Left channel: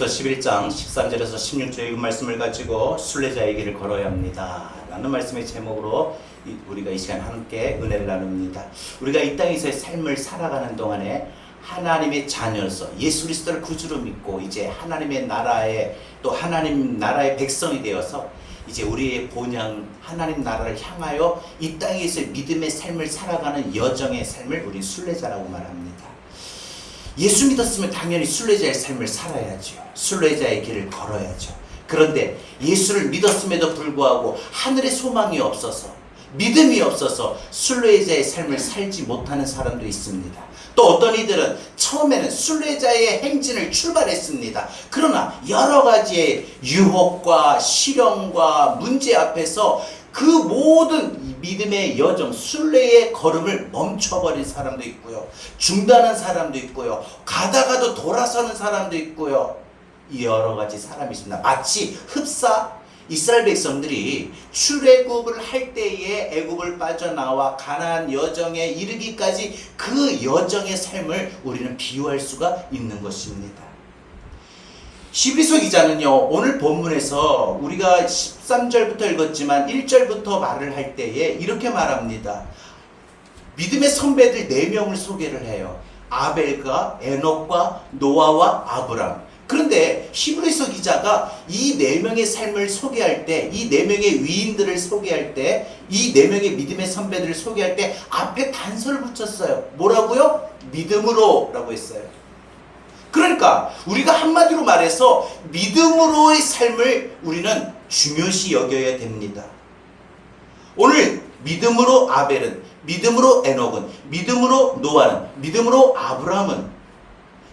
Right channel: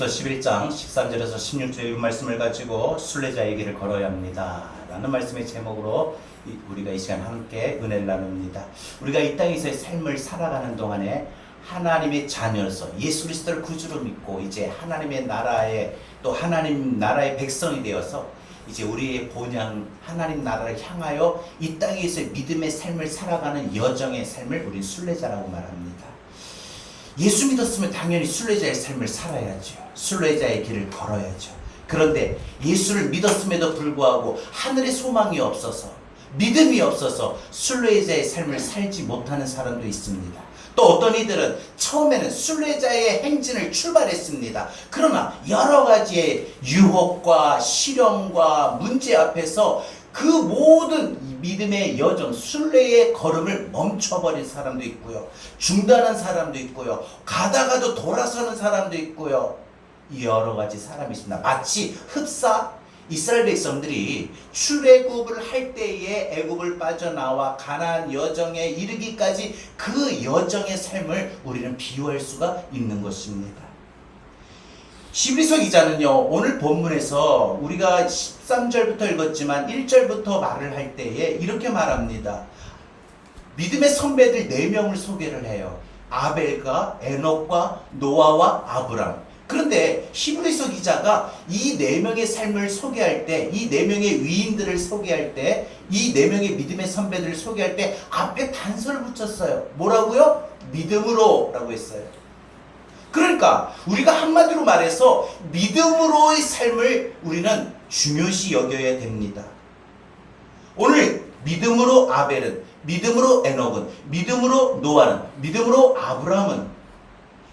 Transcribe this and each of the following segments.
11장 13절에서 16절의 말씀을 가지고 순례자의 길을 걸어야 합니다 라는 말씀의 제목으로 우리가 이 시간 함께 은혜를 나눕니다. 우리가 이 땅에서의 삶을 살아가는 동안에 하나님의 자녀로서 예수 그리스도를 구주로 믿고 이제 하나님의 나라에 또 하나님 나라의 백성이 되어서 이제 우리의 본향 하나님 나라를 향하여 이 땅에서의 믿음의 삶을 살아가는 여정의 삶을 우리 순례자라고 말합니다. 예수 믿었으면 당연히 순례자의 삶을 살아야죠. 순례자의 길을 걸어야죠. 그런데 예수를 믿었음에도 불구하고 하늘의 소망이 없어서 믿음이 없어서 순례자의 삶을 살지 못하는 사람도 있습니다. 또 어떤 이들은 처음에는 순례자의 행진을 출발했습니다. 그러나 여러 가지의 유혹과 시련과 문제 앞에서 그 모든 믿음의 여정, 순례의 걸음을 멈춰버린 사람도 있고요. 중단한 사람도 있고요. 가다가도 돌아서는 사람도 있고요. 여러 가지 사람이 있습니다. 마치 흡사 이스라엘 백성들이 출애굽을 할 때에 애굽을 빠져나와 가나안 여정에 이르기까지 그 여정의 삶을 우리는 비유할 수가 있는 것입니다. 히브리서 기자는요, 오늘 본문에서 우리가 13절부터 읽었지만 1절부터 말을 할 때에 이렇게 말합니다. 믿음의 선배들 4명을 소개를 해요. 아벨과 에녹과 노아와 아브람. 그런데 히브리서 기자가 이 4명의 삶을 소개할 때, 이 4명의 위인들을 소개할 때, 이 4명의 믿음의 선배들을 소개할 때 앞에 단서를 붙였어요. 뭐라고요? 믿음으로 라고 했어요. 그러니까 우리가 한마디로 말해서 믿음으로의 삶을 우리는 중요시 여겨야 됩니다. 오늘 믿음으로 아벨은, 믿음으로 에녹은, 믿음으로 노아는, 믿음으로 아브라함은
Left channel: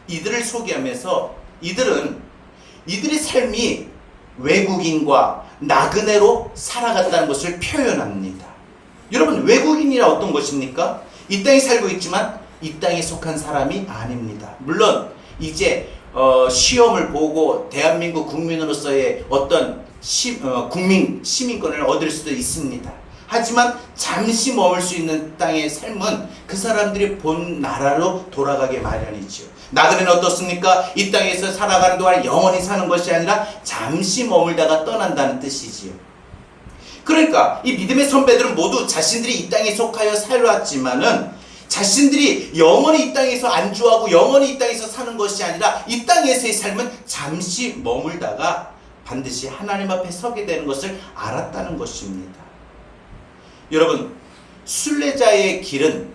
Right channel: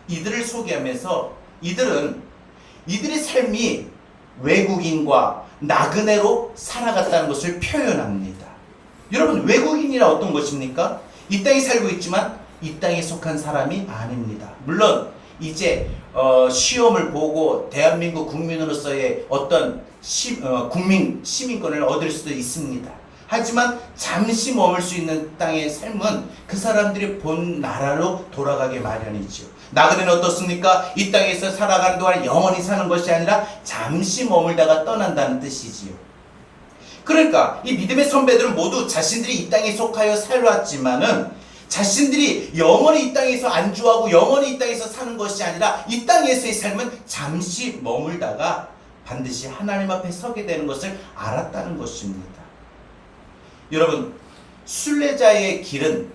이들을 소개하면서 이들의 삶이 외국인과 나그네로 살아갔다는 것을 표현합니다. 여러분, 외국인이라 어떤 것입니까? 이 땅에 살고 있지만 이 땅에 속한 사람이 아닙니다. 물론 이제 시험을 보고 대한민국 국민으로서의 어떤 시민권을 얻을 수도 있습니다. 하지만 잠시 머물 수 있는 땅의 삶은 그 사람들이 본 나라로 돌아가게 마련이죠. 나그네는 어떻습니까? 이 땅에서 살아가는 동안 영원히 사는 것이 아니라 잠시 머물다가 떠난다는 뜻이지요. 그러니까 이 믿음의 선배들은 모두 자신들이 이 땅에 속하여 살아왔지만은 자신들이 영원히 이 땅에서 안주하고 영원히 이 땅에서 사는 것이 아니라 이 땅에서의 삶은 잠시 머물다가 반드시 하나님 앞에 서게 되는 것을 알았다는 것입니다. 여러분, 순례자의 길은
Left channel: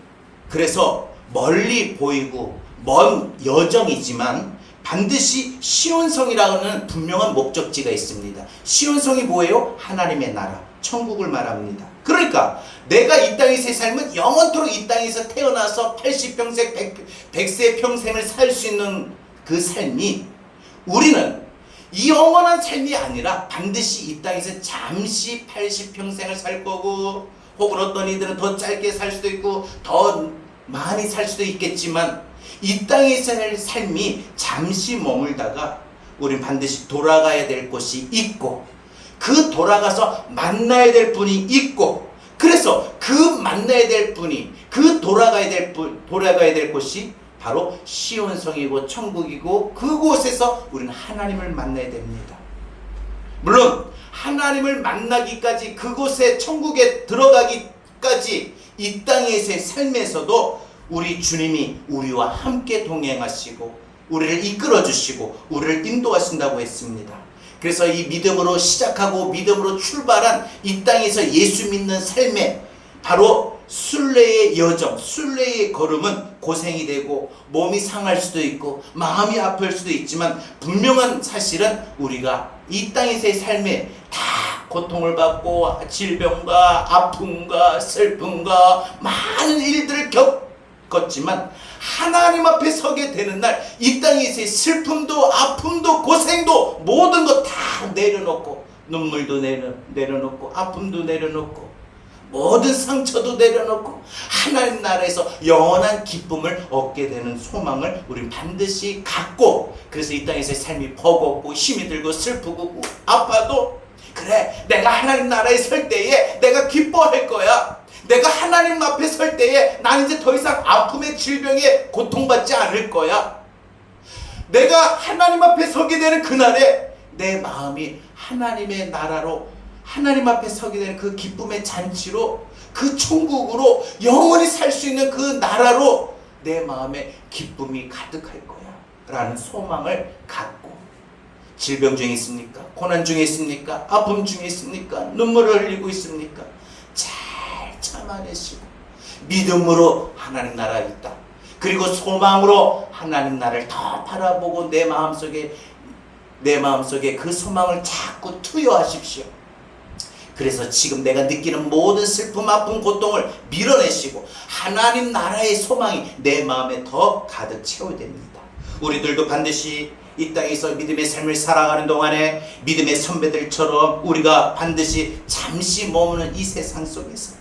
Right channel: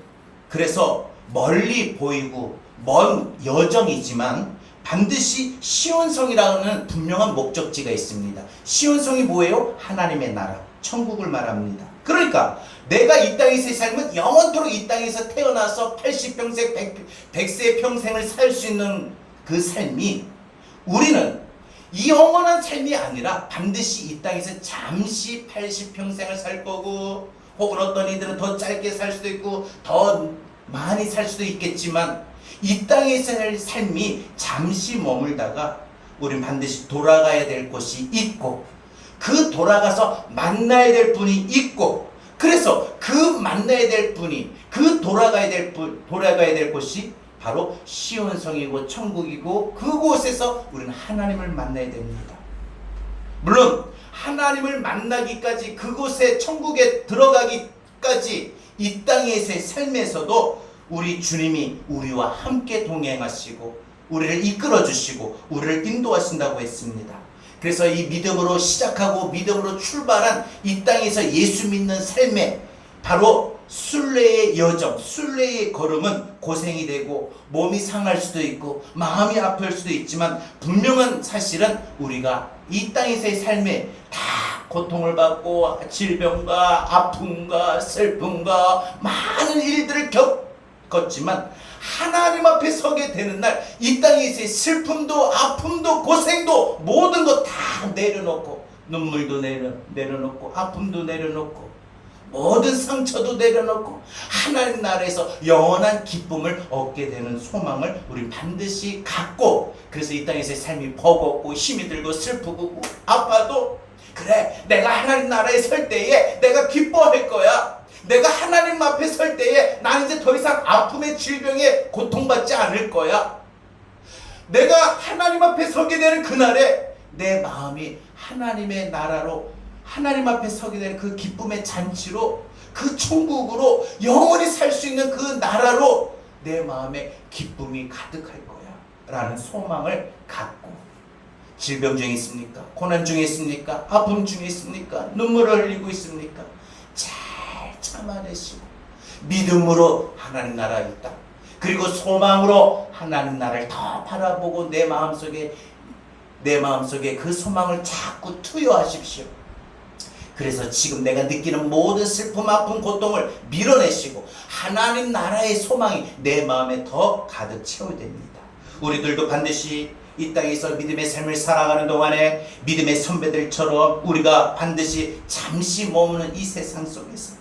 그래서 멀리 보이고 먼 여정이지만 반드시 시온성이라는 분명한 목적지가 있습니다. 시온성이 뭐예요? 하나님의 나라, 천국을 말합니다. 그러니까 내가 이 땅에서의 삶은 영원토록 이 땅에서 태어나서 80평생, 100세 평생을 살 수 있는 그 삶이 우리는 이 영원한 삶이 아니라 반드시 이 땅에서 잠시 80평생을 살 거고 혹은 어떤 이들은 더 짧게 살 수도 있고 더 많이 살 수도 있겠지만 이 땅에서의 삶이 잠시 머물다가 우리는 반드시 돌아가야 될 곳이 있고 그 돌아가서 만나야 될 분이 있고 그래서 그 만나야 될 분이 그 돌아가야 될 곳이 바로 시온성이고 천국이고 그곳에서 우리는 하나님을 만나야 됩니다. 물론 하나님을 만나기까지 그곳에 천국에 들어가기까지 이 땅에서의 삶에서도 우리 주님이 우리와 함께 동행하시고 우리를 이끌어 주시고 우리를 인도하신다고 했습니다. 그래서 이 믿음으로 시작하고 믿음으로 출발한 이 땅에서 예수 믿는 삶에 바로 순례의 여정, 순례의 걸음은 고생이 되고 몸이 상할 수도 있고 마음이 아플 수도 있지만 분명한 사실은 우리가 이 땅에서의 삶에 다 고통을 받고 질병과 아픔과 슬픔과 많은 일들을 겪었지만 하나님 앞에 서게 되는 날 이 땅에서의 슬픔도 아픔도 고생도 모든 것 다 내려놓고 눈물도 내려놓고 아픔도 내려놓고 모든 상처도 내려놓고 하나님 나라에서 영원한 기쁨을 얻게 되는 소망을 우리는 반드시 갖고 그래서 이 땅에서의 삶이 버겁고 힘이 들고 슬프고 아파도 그래 내가 하나님 나라에 설 때에 내가 기뻐할 거야. 내가 하나님 앞에 설 때에 나는 이제 더 이상 아픔의 질병에 고통받지 않을 거야. 내가 하나님 앞에 서게 되는 그날에 내 마음이 하나님의 나라로, 하나님 앞에 서게 되는 그 기쁨의 잔치로, 그 천국으로 영원히 살 수 있는 그 나라로 내 마음에 기쁨이 가득할 거야 라는 소망을 갖고, 질병 중에 있습니까? 고난 중에 있습니까? 아픔 중에 있습니까? 눈물을 흘리고 있습니까? 잘 참아내시고 믿음으로 하나님 나라에 있다, 그리고 소망으로 하나님 나라를 더 바라보고 내 마음속에 그 소망을 자꾸 투여하십시오. 그래서 지금 내가 느끼는 모든 슬픔, 아픔, 고통을 밀어내시고 하나님 나라의 소망이 내 마음에 더 가득 채워야 됩니다. 우리들도 반드시 이 땅에서 믿음의 삶을 살아가는 동안에 믿음의 선배들처럼 우리가 반드시 잠시 머무는 이 세상 속에서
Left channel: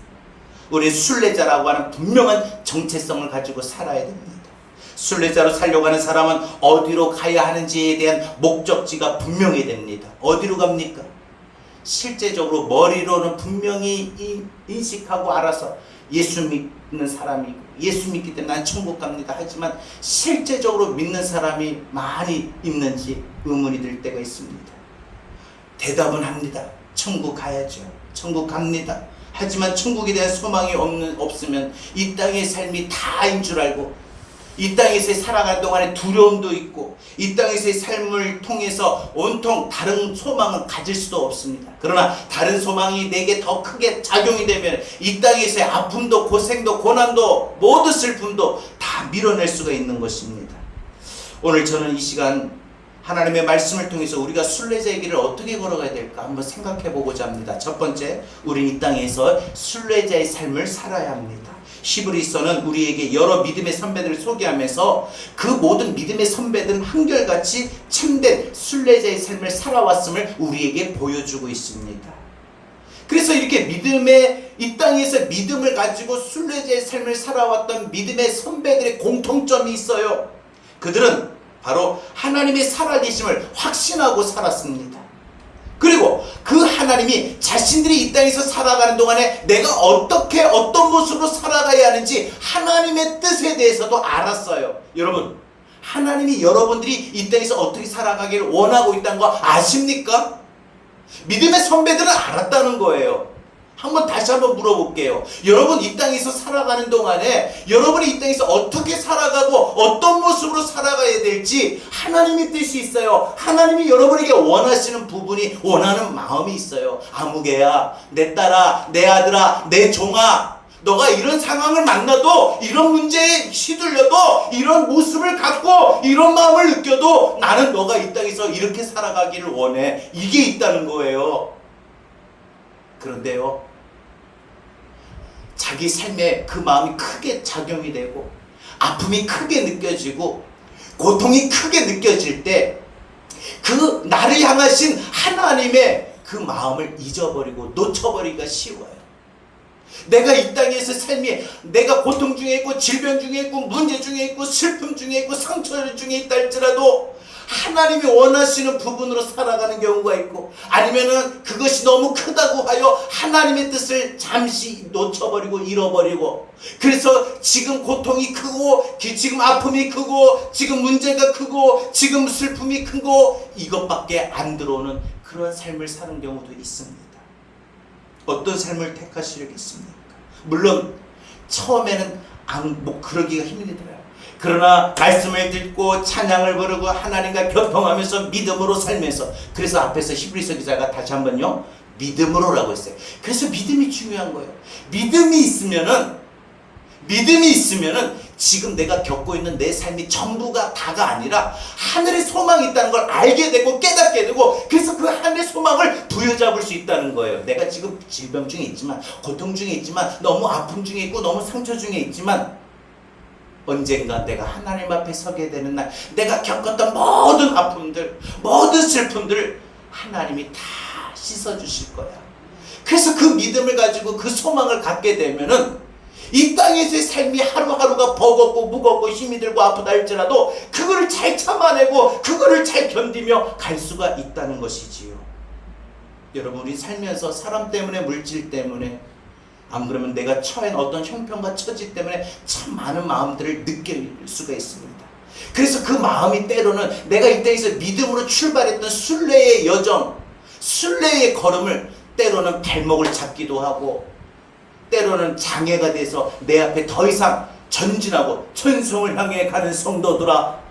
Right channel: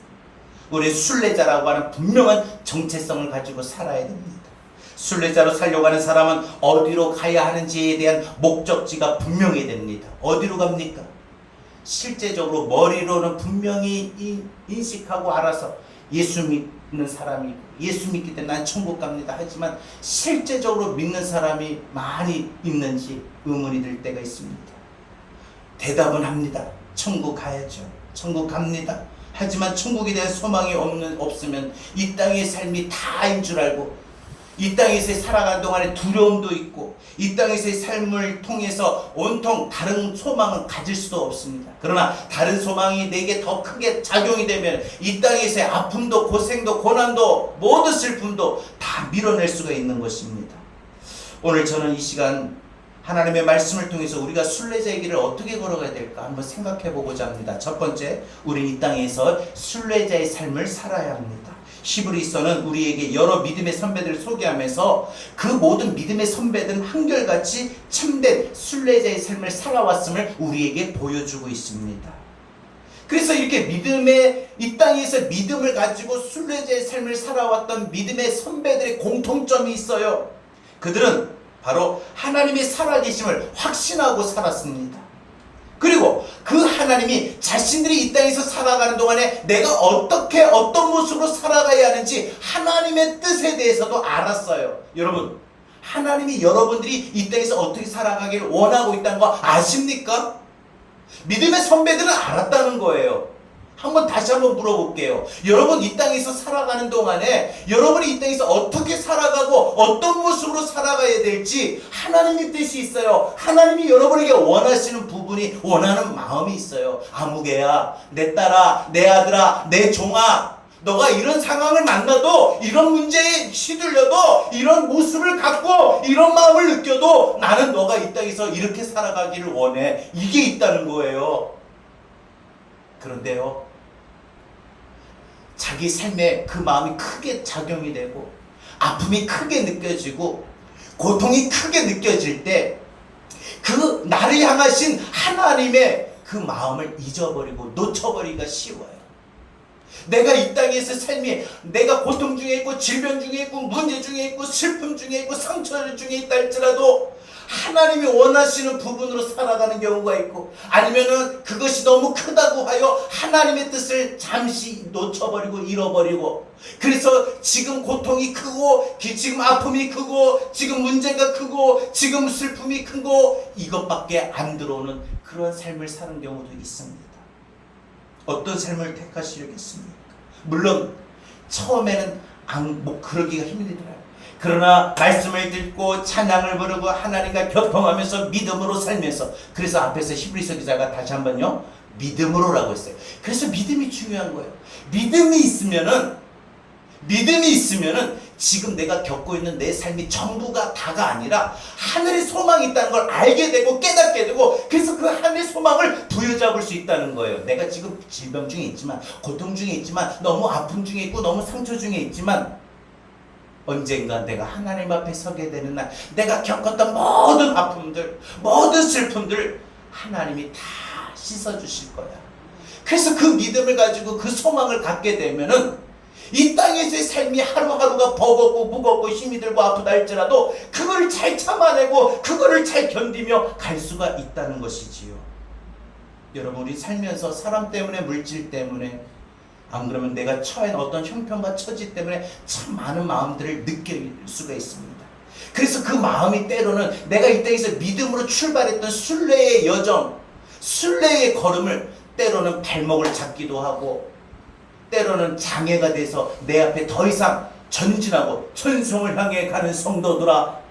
우리 순례자라고 하는 분명한 정체성을 가지고 살아야 됩니다. 순례자로 살려고 하는 사람은 어디로 가야 하는지에 대한 목적지가 분명해야 됩니다. 어디로 갑니까? 실제적으로 머리로는 분명히 인식하고 알아서 예수 믿는 사람이 예수 믿기 때문에 난 천국 갑니다 하지만 실제적으로 믿는 사람이 많이 있는지 의문이 들 때가 있습니다. 대답은 합니다. 천국 가야죠. 천국 갑니다. 하지만 천국에 대한 소망이 없으면 이 땅의 삶이 다인 줄 알고 이 땅에서 살아가는 동안에 두려움도 있고 이 땅에서의 삶을 통해서 온통 다른 소망을 가질 수도 없습니다. 그러나 다른 소망이 내게 더 크게 작용이 되면 이 땅에서의 아픔도 고생도 고난도 모든 슬픔도 다 밀어낼 수가 있는 것입니다. 오늘 저는 이 시간 하나님의 말씀을 통해서 우리가 순례자의 길을 어떻게 걸어가야 될까 한번 생각해 보고자 합니다. 첫 번째, 우리 이 땅에서 순례자의 삶을 살아야 합니다. 히브리서는 우리에게 여러 믿음의 선배들을 소개하면서 그 모든 믿음의 선배들은 한결같이 참된 순례자의 삶을 살아왔음을 우리에게 보여주고 있습니다. 그래서 이렇게 이 땅에서 믿음을 가지고 순례자의 삶을 살아왔던 믿음의 선배들의 공통점이 있어요. 그들은 바로 하나님의 살아계심을 확신하고 살았습니다. 그리고 그 하나님이 자신들이 이 땅에서 살아가는 동안에 내가 어떤 모습으로 살아가야 하는지 하나님의 뜻에 대해서도 알았어요. 여러분, 하나님이 여러분들이 이 땅에서 어떻게 살아가기를 원하고 있다는 거 아십니까? 믿음의 선배들은 알았다는 거예요. 다시 한번 물어볼게요. 여러분 이 땅에서 살아가는 동안에 여러분이 이 땅에서 어떻게 살아가고 어떤 모습으로 살아가야 될지 하나님의 뜻이 있어요. 하나님이 여러분에게 원하시는 부분이, 원하는 마음이 있어요. 아무개야, 내 딸아, 내 아들아, 내 종아, 너가 이런 상황을 만나도, 이런 문제에 휘둘려도, 이런 모습을 갖고 이런 마음을 느껴도 나는 너가 이 땅에서 이렇게 살아가기를 원해. 이게 있다는 거예요. 그런데요, 자기 삶에 그 마음이 크게 작용이 되고 아픔이 크게 느껴지고 고통이 크게 느껴질 때 그 나를 향하신 하나님의 그 마음을 잊어버리고 놓쳐버리기가 쉬워요. 내가 이 땅에서 삶이, 내가 고통 중에 있고 질병 중에 있고 문제 중에 있고 슬픔 중에 있고 상처 중에 있다 할지라도 하나님이 원하시는 부분으로 살아가는 경우가 있고, 아니면은 그것이 너무 크다고 하여 하나님의 뜻을 잠시 놓쳐버리고 잃어버리고, 그래서 지금 고통이 크고 지금 아픔이 크고 지금 문제가 크고 지금 슬픔이 크고 이것밖에 안 들어오는 그런 삶을 사는 경우도 있습니다. 어떤 삶을 택하시려겠습니까? 물론 처음에는 그러기가 힘들더라고요. 그러나 말씀을 듣고 찬양을 부르고 하나님과 교통하면서 믿음으로 살면서, 그래서 앞에서 히브리서 기자가 다시 한번요, 믿음으로라고 했어요. 그래서 믿음이 중요한 거예요. 믿음이 있으면은 지금 내가 겪고 있는 내 삶이 전부가 다가 아니라 하늘의 소망이 있다는 걸 알게 되고 깨닫게 되고, 그래서 그 하늘의 소망을 부여잡을 수 있다는 거예요. 내가 지금 질병 중에 있지만, 고통 중에 있지만, 너무 아픔 중에 있고 너무 상처 중에 있지만, 언젠가 내가 하나님 앞에 서게 되는 날, 내가 겪었던 모든 아픔들, 모든 슬픔들을 하나님이 다 씻어주실 거야. 그래서 그 믿음을 가지고 그 소망을 갖게 되면은 이 땅에서의 삶이 하루하루가 버겁고 무겁고 힘이 들고 아프다 할지라도 그거를 잘 참아내고 그거를 잘 견디며 갈 수가 있다는 것이지요. 여러분, 우리 살면서 사람 때문에, 물질 때문에, 안 그러면 내가 처한 어떤 형편과 처지 때문에 참 많은 마음들을 느낄 수가 있습니다. 그래서 그 마음이 때로는 내가 이 땅에서 믿음으로 출발했던 순례의 여정, 순례의 걸음을 때로는 발목을 잡기도 하고, 때로는 장애가 돼서 내 앞에 더 이상 전진하고 천성을 향해 가는 성도들아,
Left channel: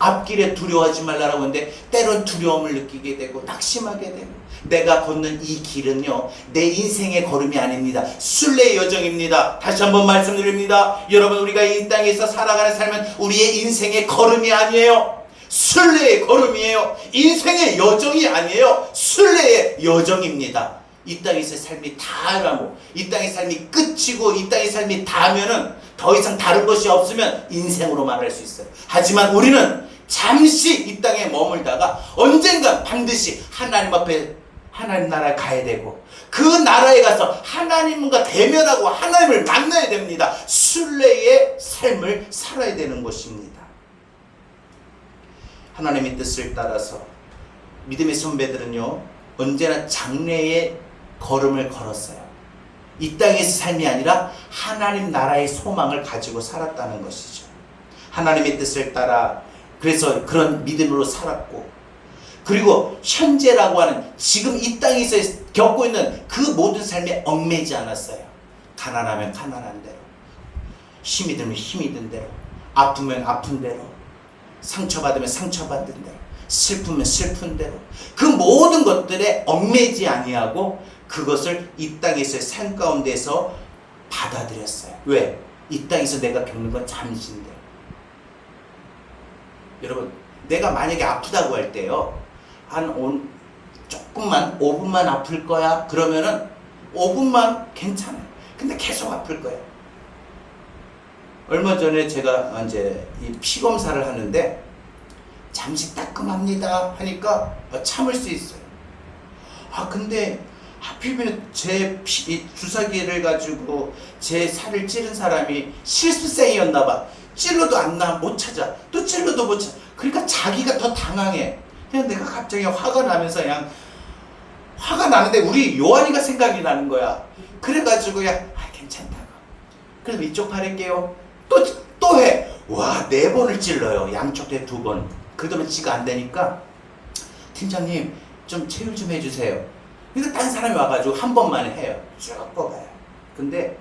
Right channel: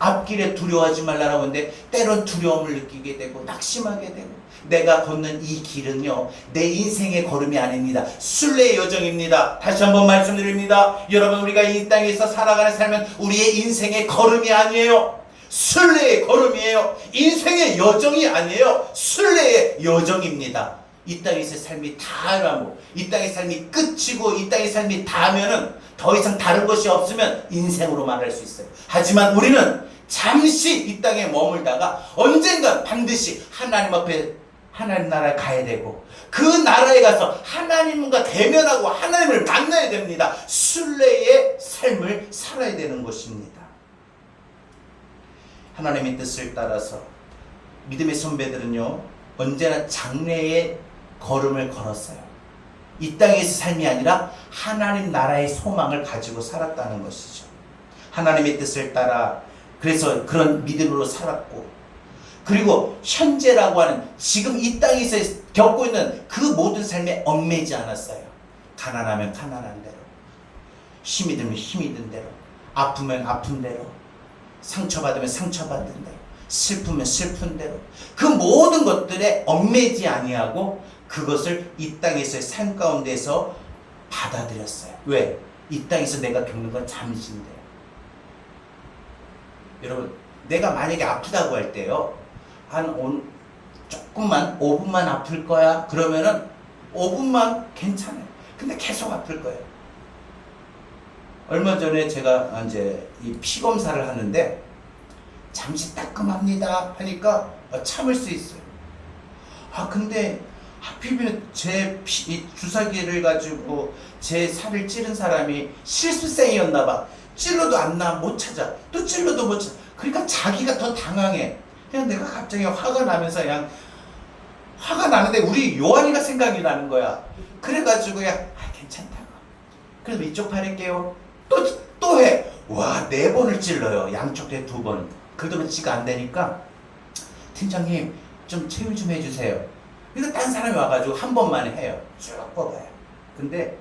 앞길에 두려워하지 말라라고 하는데 때론 두려움을 느끼게 되고 낙심하게 되고, 내가 걷는 이 길은요 내 인생의 걸음이 아닙니다. 순례의 여정입니다. 다시 한번 말씀드립니다. 여러분, 우리가 이 땅에서 살아가는 삶은 우리의 인생의 걸음이 아니에요. 순례의 걸음이에요. 인생의 여정이 아니에요. 순례의 여정입니다. 이 땅에서의 삶이 다라고, 이 땅의 삶이 끝이고 이 땅의 삶이 다면은 더 이상 다른 것이 없으면 인생으로 말할 수 있어요. 하지만 우리는 잠시 이 땅에 머물다가 언젠가 반드시 하나님 앞에, 하나님 나라에 가야 되고, 그 나라에 가서 하나님과 대면하고 하나님을 만나야 됩니다. 순례의 삶을 살아야 되는 것입니다. 하나님의 뜻을 따라서 믿음의 선배들은요 언제나 장래의 걸음을 걸었어요. 이 땅에서 삶이 아니라 하나님 나라의 소망을 가지고 살았다는 것이죠. 하나님의 뜻을 따라 그래서 그런 믿음으로 살았고, 그리고 현재라고 하는 지금 이 땅에서 겪고 있는 그 모든 삶에 얽매이지 않았어요. 가난하면 가난한 대로, 힘이 들면 힘이 든 대로, 아프면 아픈 대로, 상처받으면 상처받은 대로, 슬프면 슬픈 대로, 그 모든 것들에 얽매이지 아니하고 그것을 이 땅에서의 삶 가운데서 받아들였어요. 왜? 이 땅에서 내가 겪는 건 잠시인데요. 여러분, 내가 만약에 아프다고 할 때요, 조금만 5분만 아플 거야 그러면은 5분만 괜찮아요. 근데 계속 아플 거예요. 얼마 전에 제가 이제 이 피 검사를 하는데 잠시 따끔합니다 하니까 참을 수 있어요. 근데 하필이면 제 주사기를 가지고 제 살을 찌른 사람이 실수생이었나 봐. 찔러도 못 찾아. 또 찔러도 못 찾아. 그러니까 자기가 더 당황해. 그냥 내가 갑자기 화가 나면서 그냥 화가 나는데 우리 요한이가 생각이 나는 거야. 그래가지고 그냥 괜찮다고. 그래서 이쪽 팔 할게요. 또 해. 와, 4번을 찔러요. 양쪽 대 2번. 그러더니 지가 안 되니까 팀장님 좀 체율 좀 해주세요. 그러니까 딴 사람이 와가지고 한 번만 해요. 쭉 뽑아요. 근데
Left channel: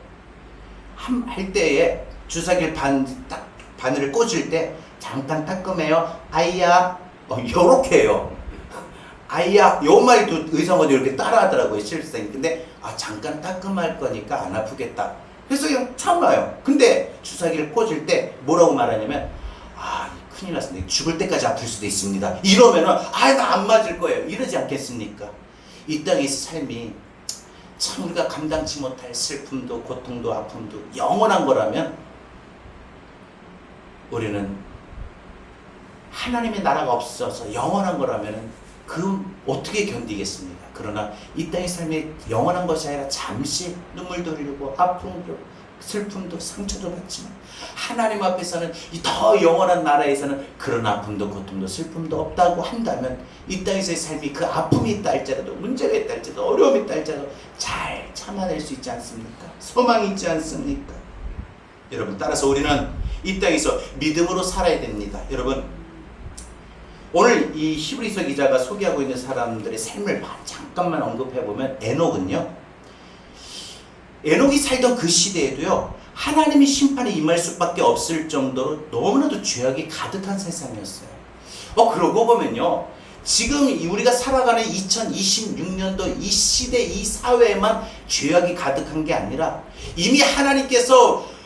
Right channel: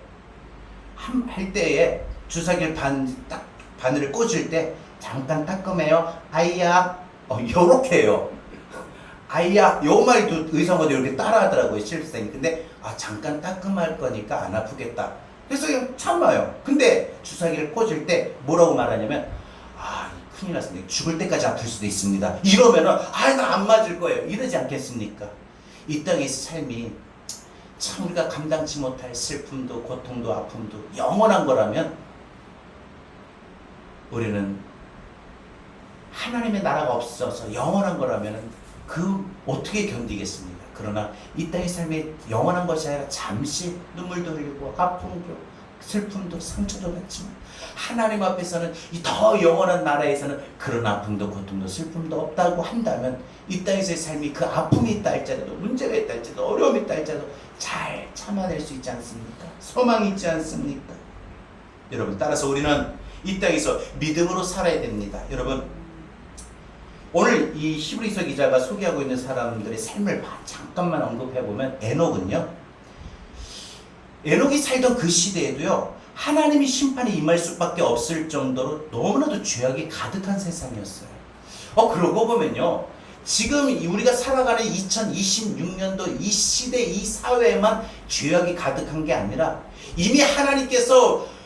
할 때에 주사기를 바늘을 꽂을 때 잠깐 따끔해요. 아이야. 요렇게 해요. 아이야. 요 말도 의성어도 이렇게 따라하더라고요. 실생. 근데 잠깐 따끔할 거니까 안 아프겠다. 그래서 그냥 참아요. 근데 주사기를 꽂을 때 뭐라고 말하냐면 큰일 났습니다. 죽을 때까지 아플 수도 있습니다. 이러면은 나 안 맞을 거예요. 이러지 않겠습니까? 이 땅에서 삶이 참 우리가 감당치 못할 슬픔도 고통도 아픔도 영원한 거라면 우리는 하나님의 나라가 없어서 영원한 거라면 어떻게 견디겠습니까? 그러나 이 땅의 삶이 영원한 것이 아니라 잠시 눈물도 흘리고 아픔도 슬픔도 상처도 받지만 하나님 앞에서는 이 더 영원한 나라에서는 그런 아픔도 고통도 슬픔도 없다고 한다면 이 땅에서의 삶이 그 아픔이 있다 할지라도 문제가 있다 할지라도 어려움이 있다 할지라도 잘 참아낼 수 있지 않습니까? 소망이 있지 않습니까? 여러분, 따라서 우리는 이 땅에서 믿음으로 살아야 됩니다. 여러분, 오늘 이 히브리서 기자가 소개하고 있는 사람들의 삶을 잠깐만 언급해보면 에녹이 살던 그 시대에도요 하나님의 심판이 임할 수밖에 없을 정도로 너무나도 죄악이 가득한 세상이었어요. 그러고 보면요 지금 우리가 살아가는 2026년도 이 시대 이 사회에만 죄악이 가득한 게 아니라 이미 하나님께서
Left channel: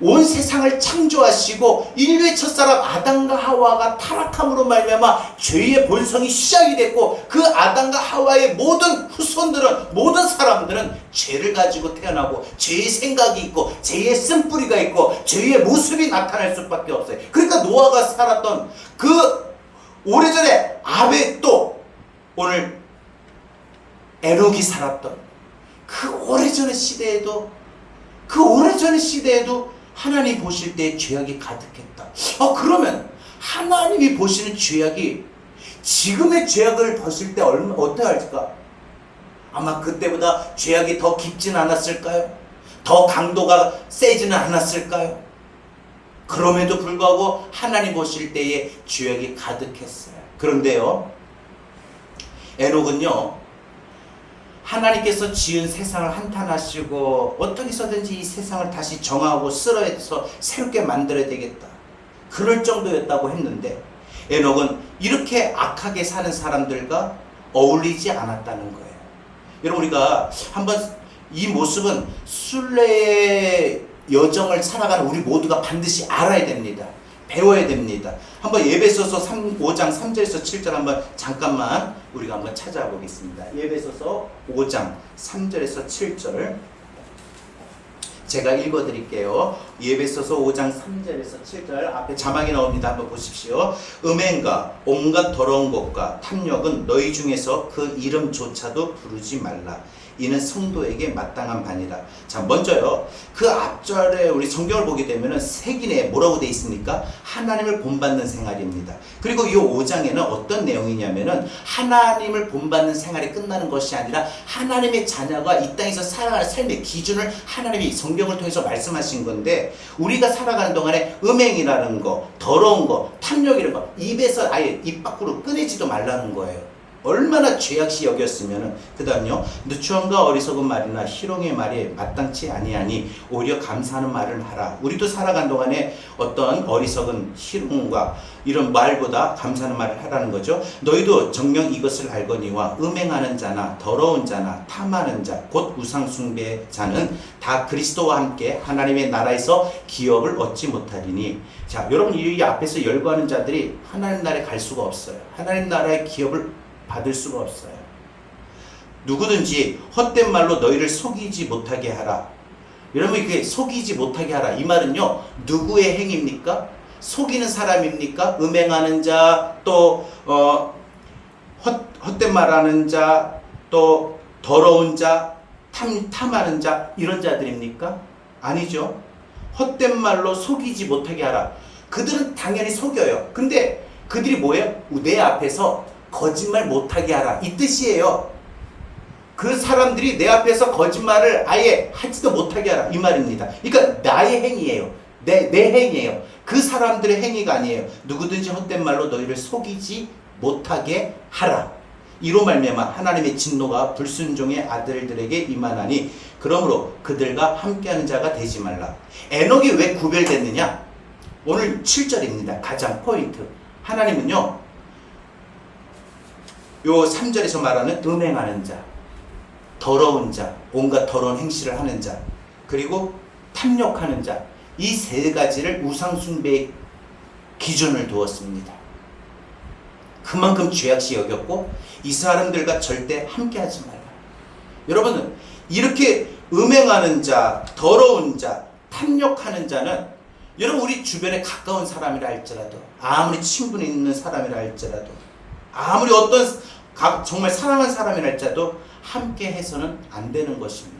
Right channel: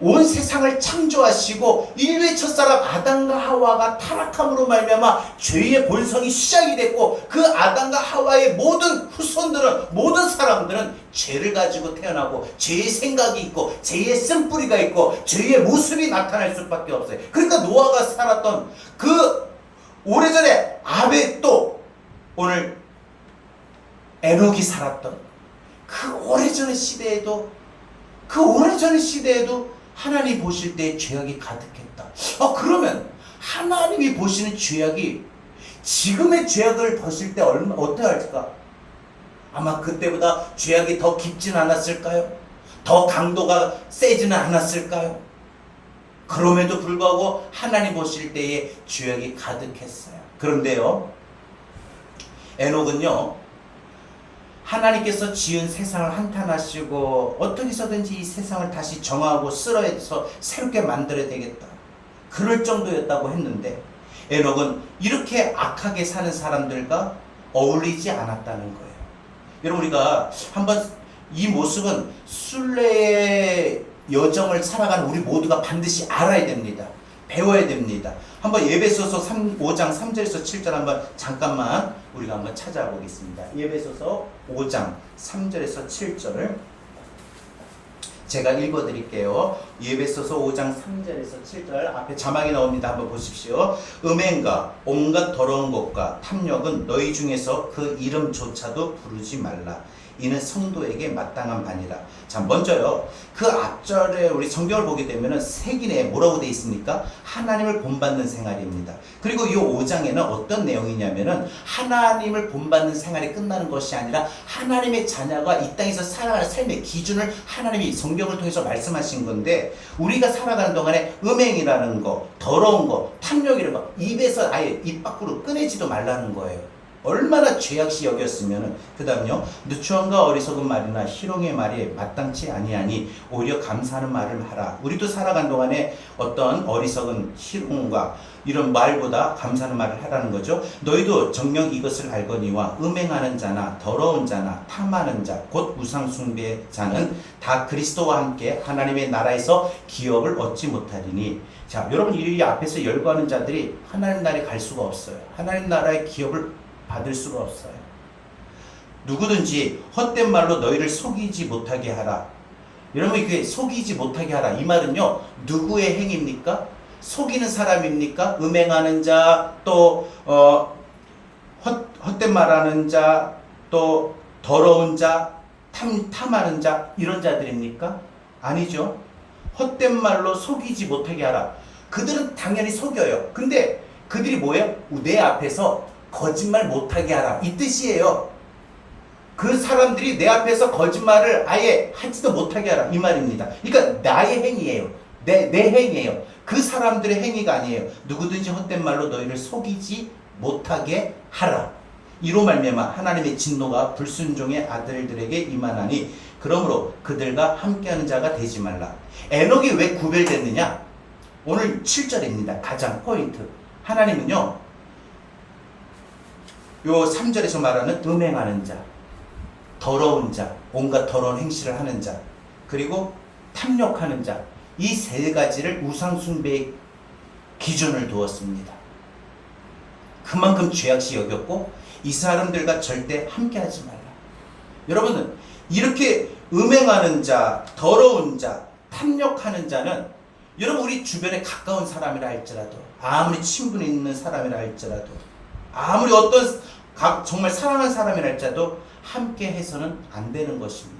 온 세상을 창조하시고 인류의 첫사람 아담과 하와가 타락함으로 말미암아 죄의 본성이 시작이 됐고, 그 아담과 하와의 모든 후손들은, 모든 사람들은 죄를 가지고 태어나고 죄의 생각이 있고 죄의 쓴뿌리가 있고 죄의 모습이 나타날 수밖에 없어요. 그러니까 노아가 살았던 그 오래전에 아벨도 오늘 에녹이 살았던 그 오래전의 시대에도 하나님 보실 때 죄악이 가득했다. 그러면 하나님이 보시는 죄악이 지금의 죄악을 보실 때 어떻게 할까? 아마 그때보다 죄악이 더 깊진 않았을까요? 더 강도가 세지는 않았을까요? 그럼에도 불구하고 하나님 보실 때에 죄악이 가득했어요. 그런데요, 에녹은요, 하나님께서 지은 세상을 한탄하시고 어떻게 해서든지 이 세상을 다시 정하고 쓸어서 새롭게 만들어야 되겠다, 그럴 정도였다고 했는데, 에녹은 이렇게 악하게 사는 사람들과 어울리지 않았다는 거예요. 여러분, 우리가 한번 이 모습은 순례의 여정을 살아가는 우리 모두가 반드시 알아야 됩니다. 배워야 됩니다. 한번 에베소서 5장 3절에서 7절 한번 잠깐만 우리가 한번 찾아보겠습니다. 에베소서 5장 3절에서 7절을 제가 읽어드릴게요. 에베소서 5장 3절에서 7절 앞에 자막이 나옵니다. 한번 보십시오. 음행과 온갖 더러운 것과 탐욕은 너희 중에서 그 이름조차도 부르지 말라. 이는 성도에게 마땅한 바니라. 자, 먼저요, 그 앞절에 우리 성경을 보게 되면은 색인에 뭐라고 돼 있습니까? 하나님을 본받는 생활입니다. 그리고 이 5장에는 어떤 내용이냐면은 하나님을 본받는 생활이 끝나는 것이 아니라 하나님의 자녀가 이 땅에서 살아가는 삶의 기준을 하나님이 성경을 통해서 말씀하신 건데, 우리가 살아가는 동안에 음행이라는 거, 더러운 거, 탐욕이라는 거 입에서 아예 입 밖으로 꺼내지도 말라는 거예요. 얼마나 죄악시 여겼으면은. 그 다음요, 누추함과 어리석은 말이나 희롱의 말이 마땅치 아니하니 오히려 감사하는 말을 하라. 우리도 살아간 동안에 어떤 어리석은 희롱과 이런 말보다 감사하는 말을 하라는 거죠. 너희도 정녕 이것을 알거니와 음행하는 자나 더러운 자나 탐하는 자 곧 우상 숭배자는 다 그리스도와 함께 하나님의 나라에서 기업을 얻지 못하리니. 자, 여러분, 이 앞에서 열거하는 자들이 하나님 나라에 갈 수가 없어요. 하나님 나라의 기업을 받을 수가 없어요. 누구든지 헛된 말로 너희를 속이지 못하게 하라. 여러분, 이게 속이지 못하게 하라, 이 말은요, 누구의 행위입니까? 속이는 사람입니까? 음행하는 자, 또 헛된 말하는 자, 또 더러운 자, 탐하는 자, 이런 자들입니까? 아니죠. 헛된 말로 속이지 못하게 하라. 그들은 당연히 속여요. 근데 그들이 뭐예요? 내 앞에서 거짓말 못하게 하라, 이 뜻이에요. 그 사람들이 내 앞에서 거짓말을 아예 하지도 못하게 하라, 이 말입니다. 그러니까 나의 행위예요. 내 행위예요. 그 사람들의 행위가 아니에요. 누구든지 헛된 말로 너희를 속이지 못하게 하라. 이로 말미암아 하나님의 진노가 불순종의 아들들에게 임하나니 그러므로 그들과 함께하는 자가 되지 말라. 에녹이 왜 구별됐느냐? 오늘 7절입니다. 가장 포인트. 하나님은요, 요 3절에서 말하는 음행하는 자, 더러운 자, 온갖 더러운 행실을 하는 자, 그리고 탐욕하는 자, 이 세 가지를 우상숭배의 기준을 두었습니다. 그만큼 죄악시 여겼고 이 사람들과 절대 함께하지 말라. 여러분은 이렇게 음행하는 자, 더러운 자, 탐욕하는 자는 여러분 우리 주변에 가까운 사람이라 할지라도, 아무리 친분 있는 사람이라 할지라도, 아무리 어떤 정말 사랑하는 사람이라 할지라도 함께 해서는 안 되는 것입니다.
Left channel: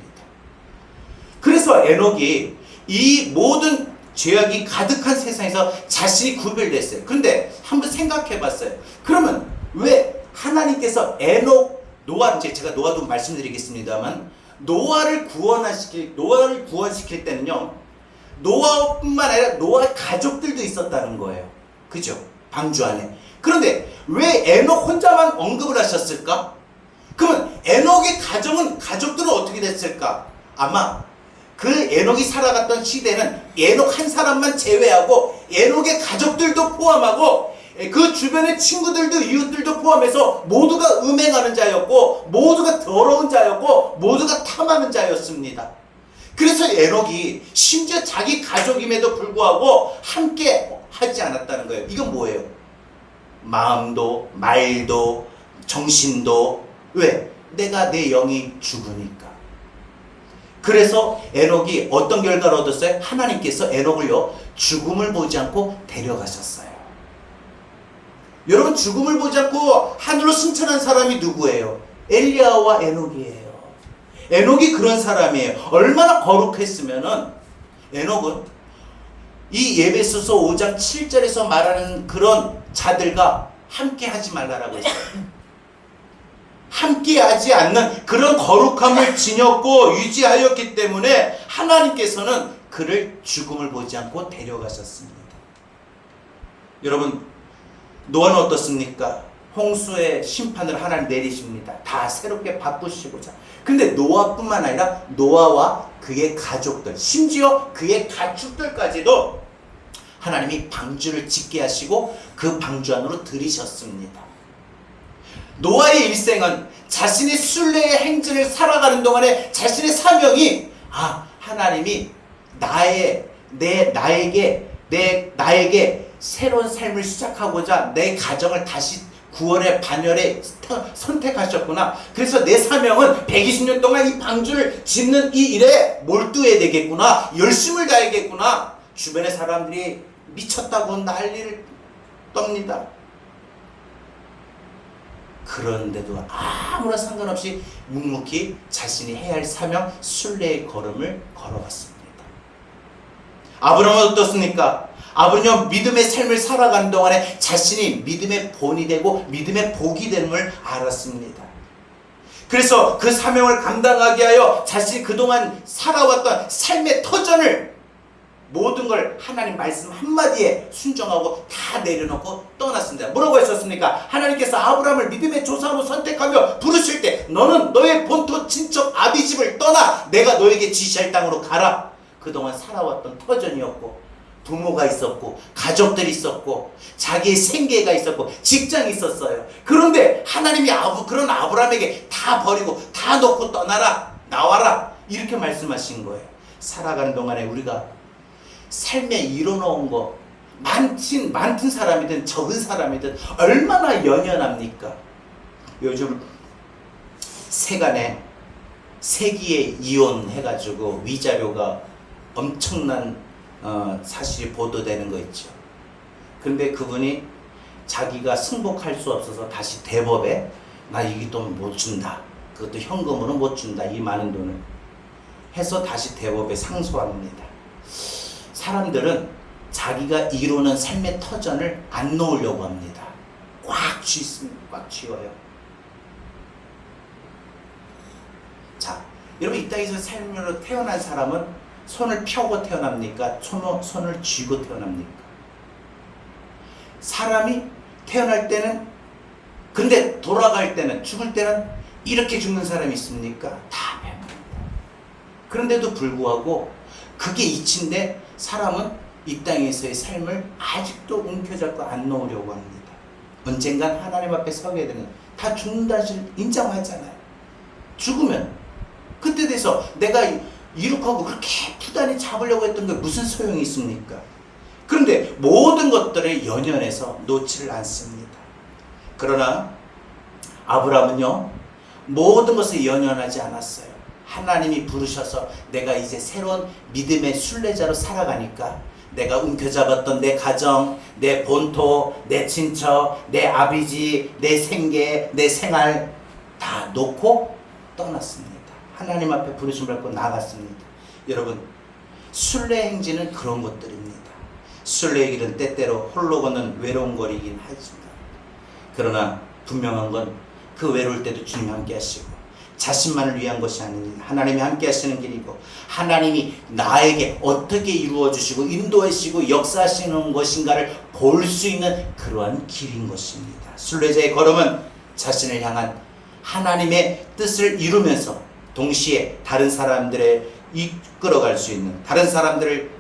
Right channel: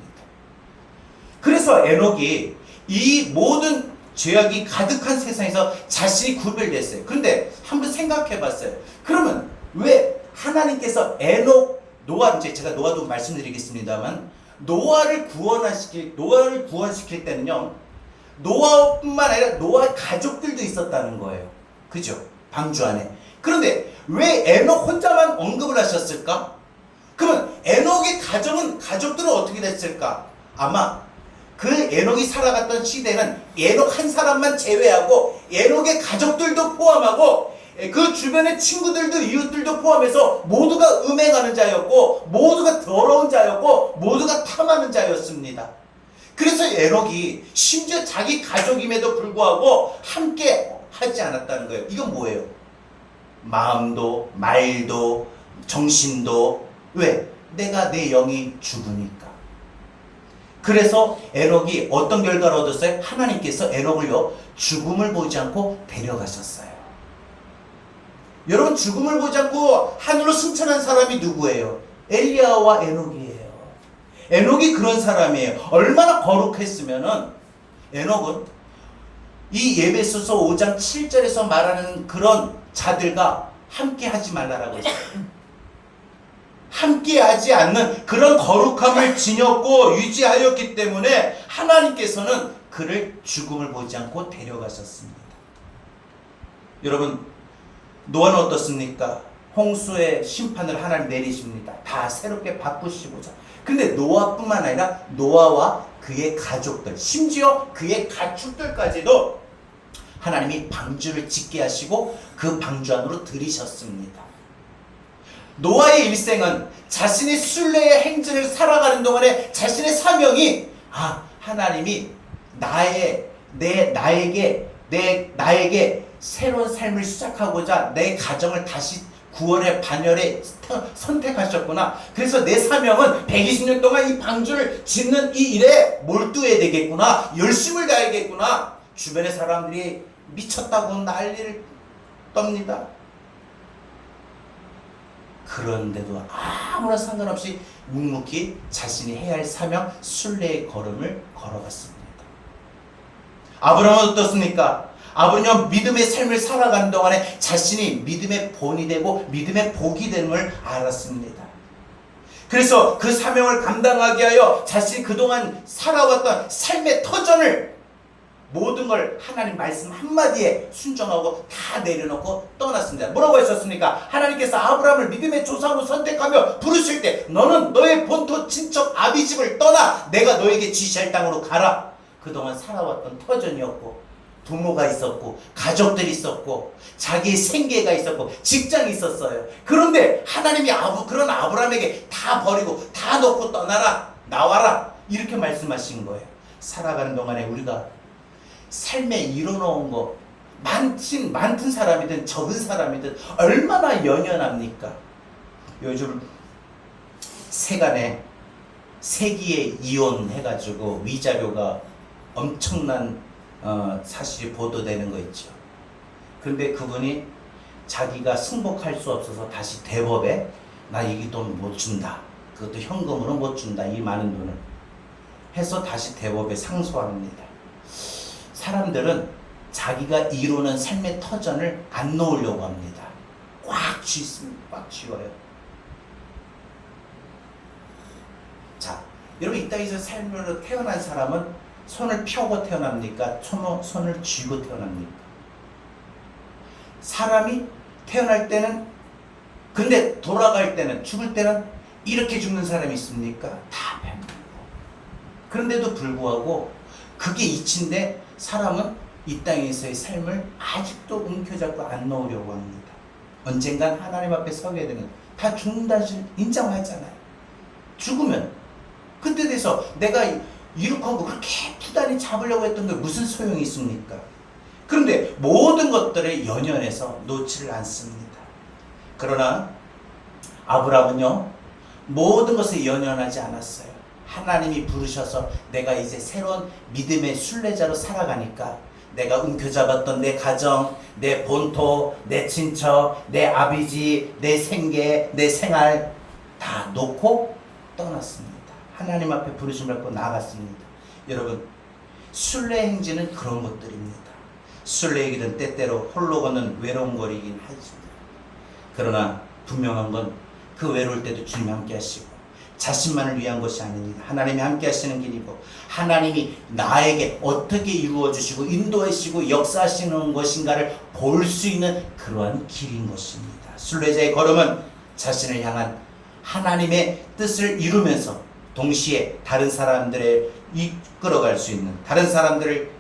그래서 에녹이 이 모든 죄악이 가득한 세상에서 자신이 구별됐어요. 그런데 한번 생각해 봤어요. 그러면 왜 하나님께서 에녹, 노아, 제가 노아도 말씀드리겠습니다만, 노아를 구원시킬 때는요, 노아뿐만 아니라 노아 가족들도 있었다는 거예요. 그죠? 방주 안에. 그런데 왜 에녹 혼자만 언급을 하셨을까? 그러면 에녹의 가족들은 어떻게 됐을까? 아마 그 에녹이 살아갔던 시대는 에녹 한 사람만 제외하고 에녹의 가족들도 포함하고 그 주변의 친구들도 이웃들도 포함해서 모두가 음행하는 자였고, 모두가 더러운 자였고, 모두가 탐하는 자였습니다. 그래서 에녹이 심지어 자기 가족임에도 불구하고 함께 하지 않았다는 거예요. 이건 뭐예요? 마음도 말도 정신도. 왜? 내가 내 영이 죽으니까. 그래서 에녹이 어떤 결과를 얻었어요? 하나님께서 에녹을요, 죽음을 보지 않고 데려가셨어요. 여러분, 죽음을 보지 않고 하늘로 승천한 사람이 누구예요? 엘리야와 에녹이에요. 에녹이 그런 사람이에요. 얼마나 거룩했으면은 에녹은 이 에베소서 5장 7절에서 말하는 그런 자들과 함께 하지 말라라고 했어요. 함께 하지 않는 그런 거룩함을 지녔고 유지하였기 때문에 하나님께서는 그를 죽음을 보지 않고 데려가셨습니다. 여러분, 노아는 어떻습니까? 홍수의 심판을 하나님 내리십니다. 다 새롭게 바꾸시고자. 근데 노아뿐만 아니라 노아와 그의 가족들, 심지어 그의 가축들까지도 하나님이 방주를 짓게 하시고 그 방주 안으로 들이셨습니다. 노아의 일생은 자신이 순례의 행진을 살아가는 동안에 자신의 사명이 하나님이 나에게 새로운 삶을 시작하고자 내 가정을 다시 구원의 반열에 선택하셨구나. 그래서 내 사명은 120년 동안 이 방주를 짓는 이 일에 몰두해야 되겠구나. 열심을 다해야겠구나. 주변의 사람들이 미쳤다고 난리를 떱니다. 그런데도 아무런 상관없이 묵묵히 자신이 해야 할 사명 순례의 걸음을 걸어갔습니다. 아브라함은 어떻습니까? 아브라함은 믿음의 삶을 살아가는 동안에 자신이 믿음의 본이 되고 믿음의 복이 됨을 알았습니다. 그래서 그 사명을 감당하게 하여 자신이 그동안 살아왔던 삶의 터전을 모든 걸 하나님 말씀 한마디에 순종하고 다 내려놓고 떠났습니다. 뭐라고 하셨습니까? 하나님께서 아브라함을 믿음의 조상으로 선택하며 부르실 때 너는 너의 본토 친척 아비집을 떠나 내가 너에게 지시할 땅으로 가라. 그동안 살아왔던 터전이었고 부모가 있었고 가족들이 있었고 자기의 생계가 있었고 직장이 있었어요. 그런데 하나님이 그런 아브라함에게 다 버리고 다 놓고 떠나라. 나와라. 이렇게 말씀하신 거예요. 살아가는 동안에 우리가 삶에 이뤄놓은 거 많든 사람이든 적은 사람이든 얼마나 연연합니까? 요즘 세간에 세기에 이혼해가지고 위자료가 엄청난 사실이 보도되는 거 있죠. 근데 그분이 자기가 승복할 수 없어서 다시 대법에 나 이 돈 못 준다. 그것도 현금으로 못 준다. 이 많은 돈을 해서 다시 대법에 상소합니다. 사람들은 자기가 이루는 삶의 터전을 안 놓으려고 합니다. 꽉 쥐어요. 자, 여러분 이 땅에서 삶으로 태어난 사람은 손을 펴고 태어납니까? 손을 쥐고 태어납니까? 사람이 태어날 때는 근데 돌아갈 때는 죽을 때는 이렇게 죽는 사람이 있습니까? 다 배웁니다. 그런데도 불구하고 그게 이치인데 사람은 이 땅에서의 삶을 아직도 움켜잡고 안 놓으려고 합니다. 언젠간 하나님 앞에 서게 되면 다 죽는다 인정하잖아요. 죽으면 그때 돼서 내가 이룩하고 그렇게 부단히 잡으려고 했던 게 무슨 소용이 있습니까? 그런데 모든 것들을 연연해서 놓지를 않습니다. 그러나 아브라함은요 모든 것을 연연하지 않았어요. 하나님이 부르셔서 내가 이제 새로운 믿음의 순례자로 살아가니까 내가 움켜잡았던 내 가정, 내 본토, 내 친척, 내 아비지, 내 생계, 내 생활 다 놓고 떠났습니다. 하나님 앞에 부르심을 받고 나갔습니다. 여러분 순례 행진은 그런 것들입니다. 순례의 길은 때때로 홀로 걷는 외로운 거리이긴 하지만 그러나 분명한 건 그 외로울 때도 주님 함께 하시고 자신만을 위한 것이 아닙니다. 하나님이 함께 하시는 길이고 하나님이 나에게 어떻게 이루어 주시고 인도해 주시고 역사하시는 것인가를 볼 수 있는 그러한 길인 것입니다. 순례자의 걸음은 자신을 향한 하나님의 뜻을 이루면서 동시에 다른 사람들을 이끌어갈 수 있는 다른 사람들을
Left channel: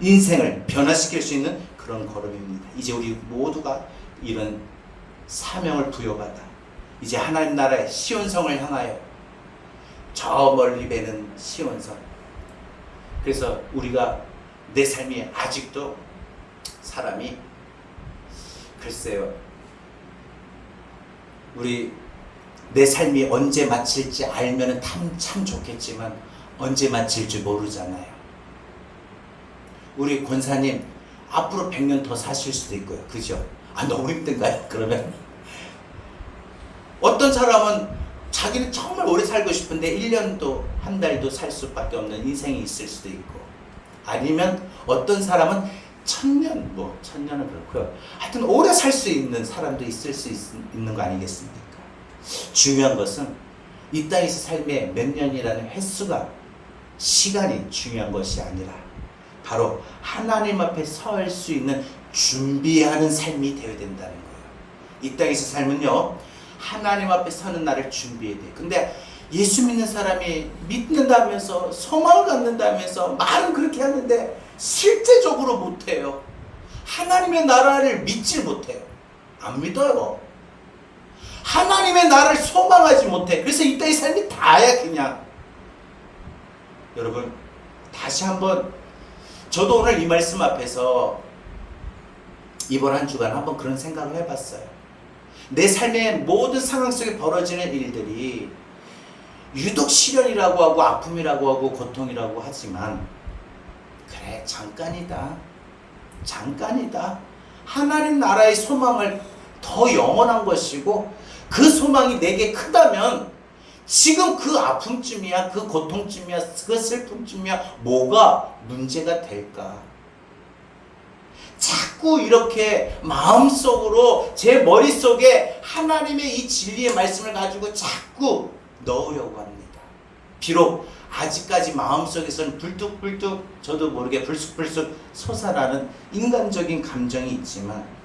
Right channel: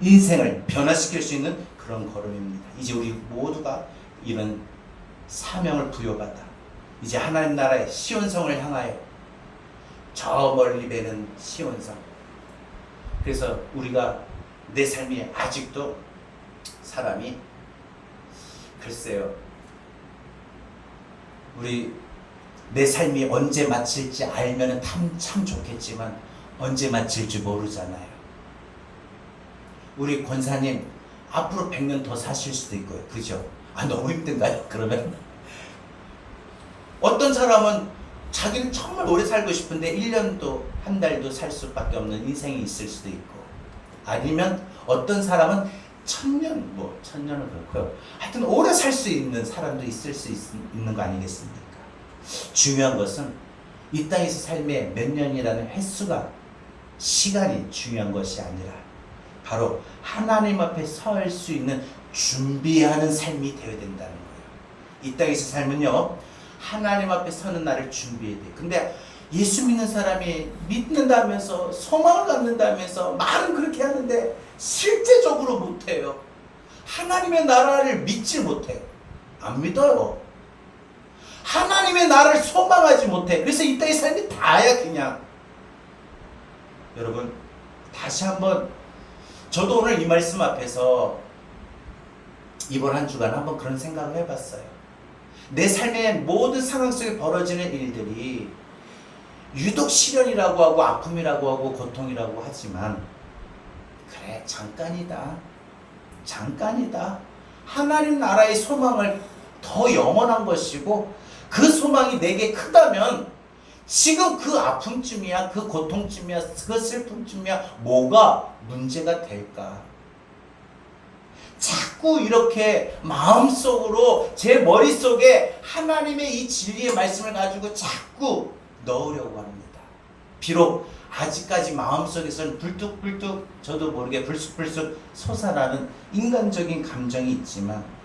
인생을 변화시킬 수 있는 그런 걸음입니다. 이제 우리 모두가 이런 사명을 부여받아 이제 하나님 나라의 시온성을 향하여 저 멀리 배는 시온성. 그래서 우리가 내 삶이 아직도 사람이 글쎄요 우리 내 삶이 언제 마칠지 알면 참 좋겠지만 언제 마칠지 모르잖아요. 우리 권사님 앞으로 100년 더 사실 수도 있고요. 그죠? 너무 힘든가요? 그러면 어떤 사람은 자기는 정말 오래 살고 싶은데 1년도 한 달도 살 수밖에 없는 인생이 있을 수도 있고 아니면 어떤 사람은 1000년 뭐 1000년은 그렇고요. 하여튼 오래 살 수 있는 사람도 있을 수 있는 거 아니겠습니까? 중요한 것은 이 땅에서 삶의 몇 년이라는 횟수가 시간이 중요한 것이 아니라 바로 하나님 앞에 설 수 있는 준비하는 삶이 되어야 된다는 거예요. 이 땅에서 삶은요, 하나님 앞에 서는 날을 준비해야 돼요. 근데 예수 믿는 사람이 믿는다면서 소망을 갖는다면서 말은 그렇게 하는데 실제적으로 못해요. 하나님의 나라를 믿지 못해요. 안 믿어요. 하나님의 나라를 소망하지 못해. 그래서 이 땅의 삶이 다야 그냥. 여러분 다시 한번, 저도 오늘 이 말씀 앞에서 이번 한 주간 한번 그런 생각을 해봤어요. 내 삶의 모든 상황 속에 벌어지는 일들이 유독 시련이라고 하고 아픔이라고 하고 고통이라고 하지만, 그래 잠깐이다. 잠깐이다. 하나님 나라의 소망을 더 영원한 것이고, 그 소망이 내게 크다면 지금 그 아픔쯤이야, 그 고통쯤이야, 그 슬픔쯤이야 뭐가 문제가 될까? 자꾸 이렇게 마음속으로, 제 머릿속에 하나님의 이 진리의 말씀을 가지고 자꾸 넣으려고 합니다. 비록 아직까지 마음속에서는 불뚝불뚝 저도 모르게 불쑥불쑥 솟아나는 인간적인 감정이 있지만,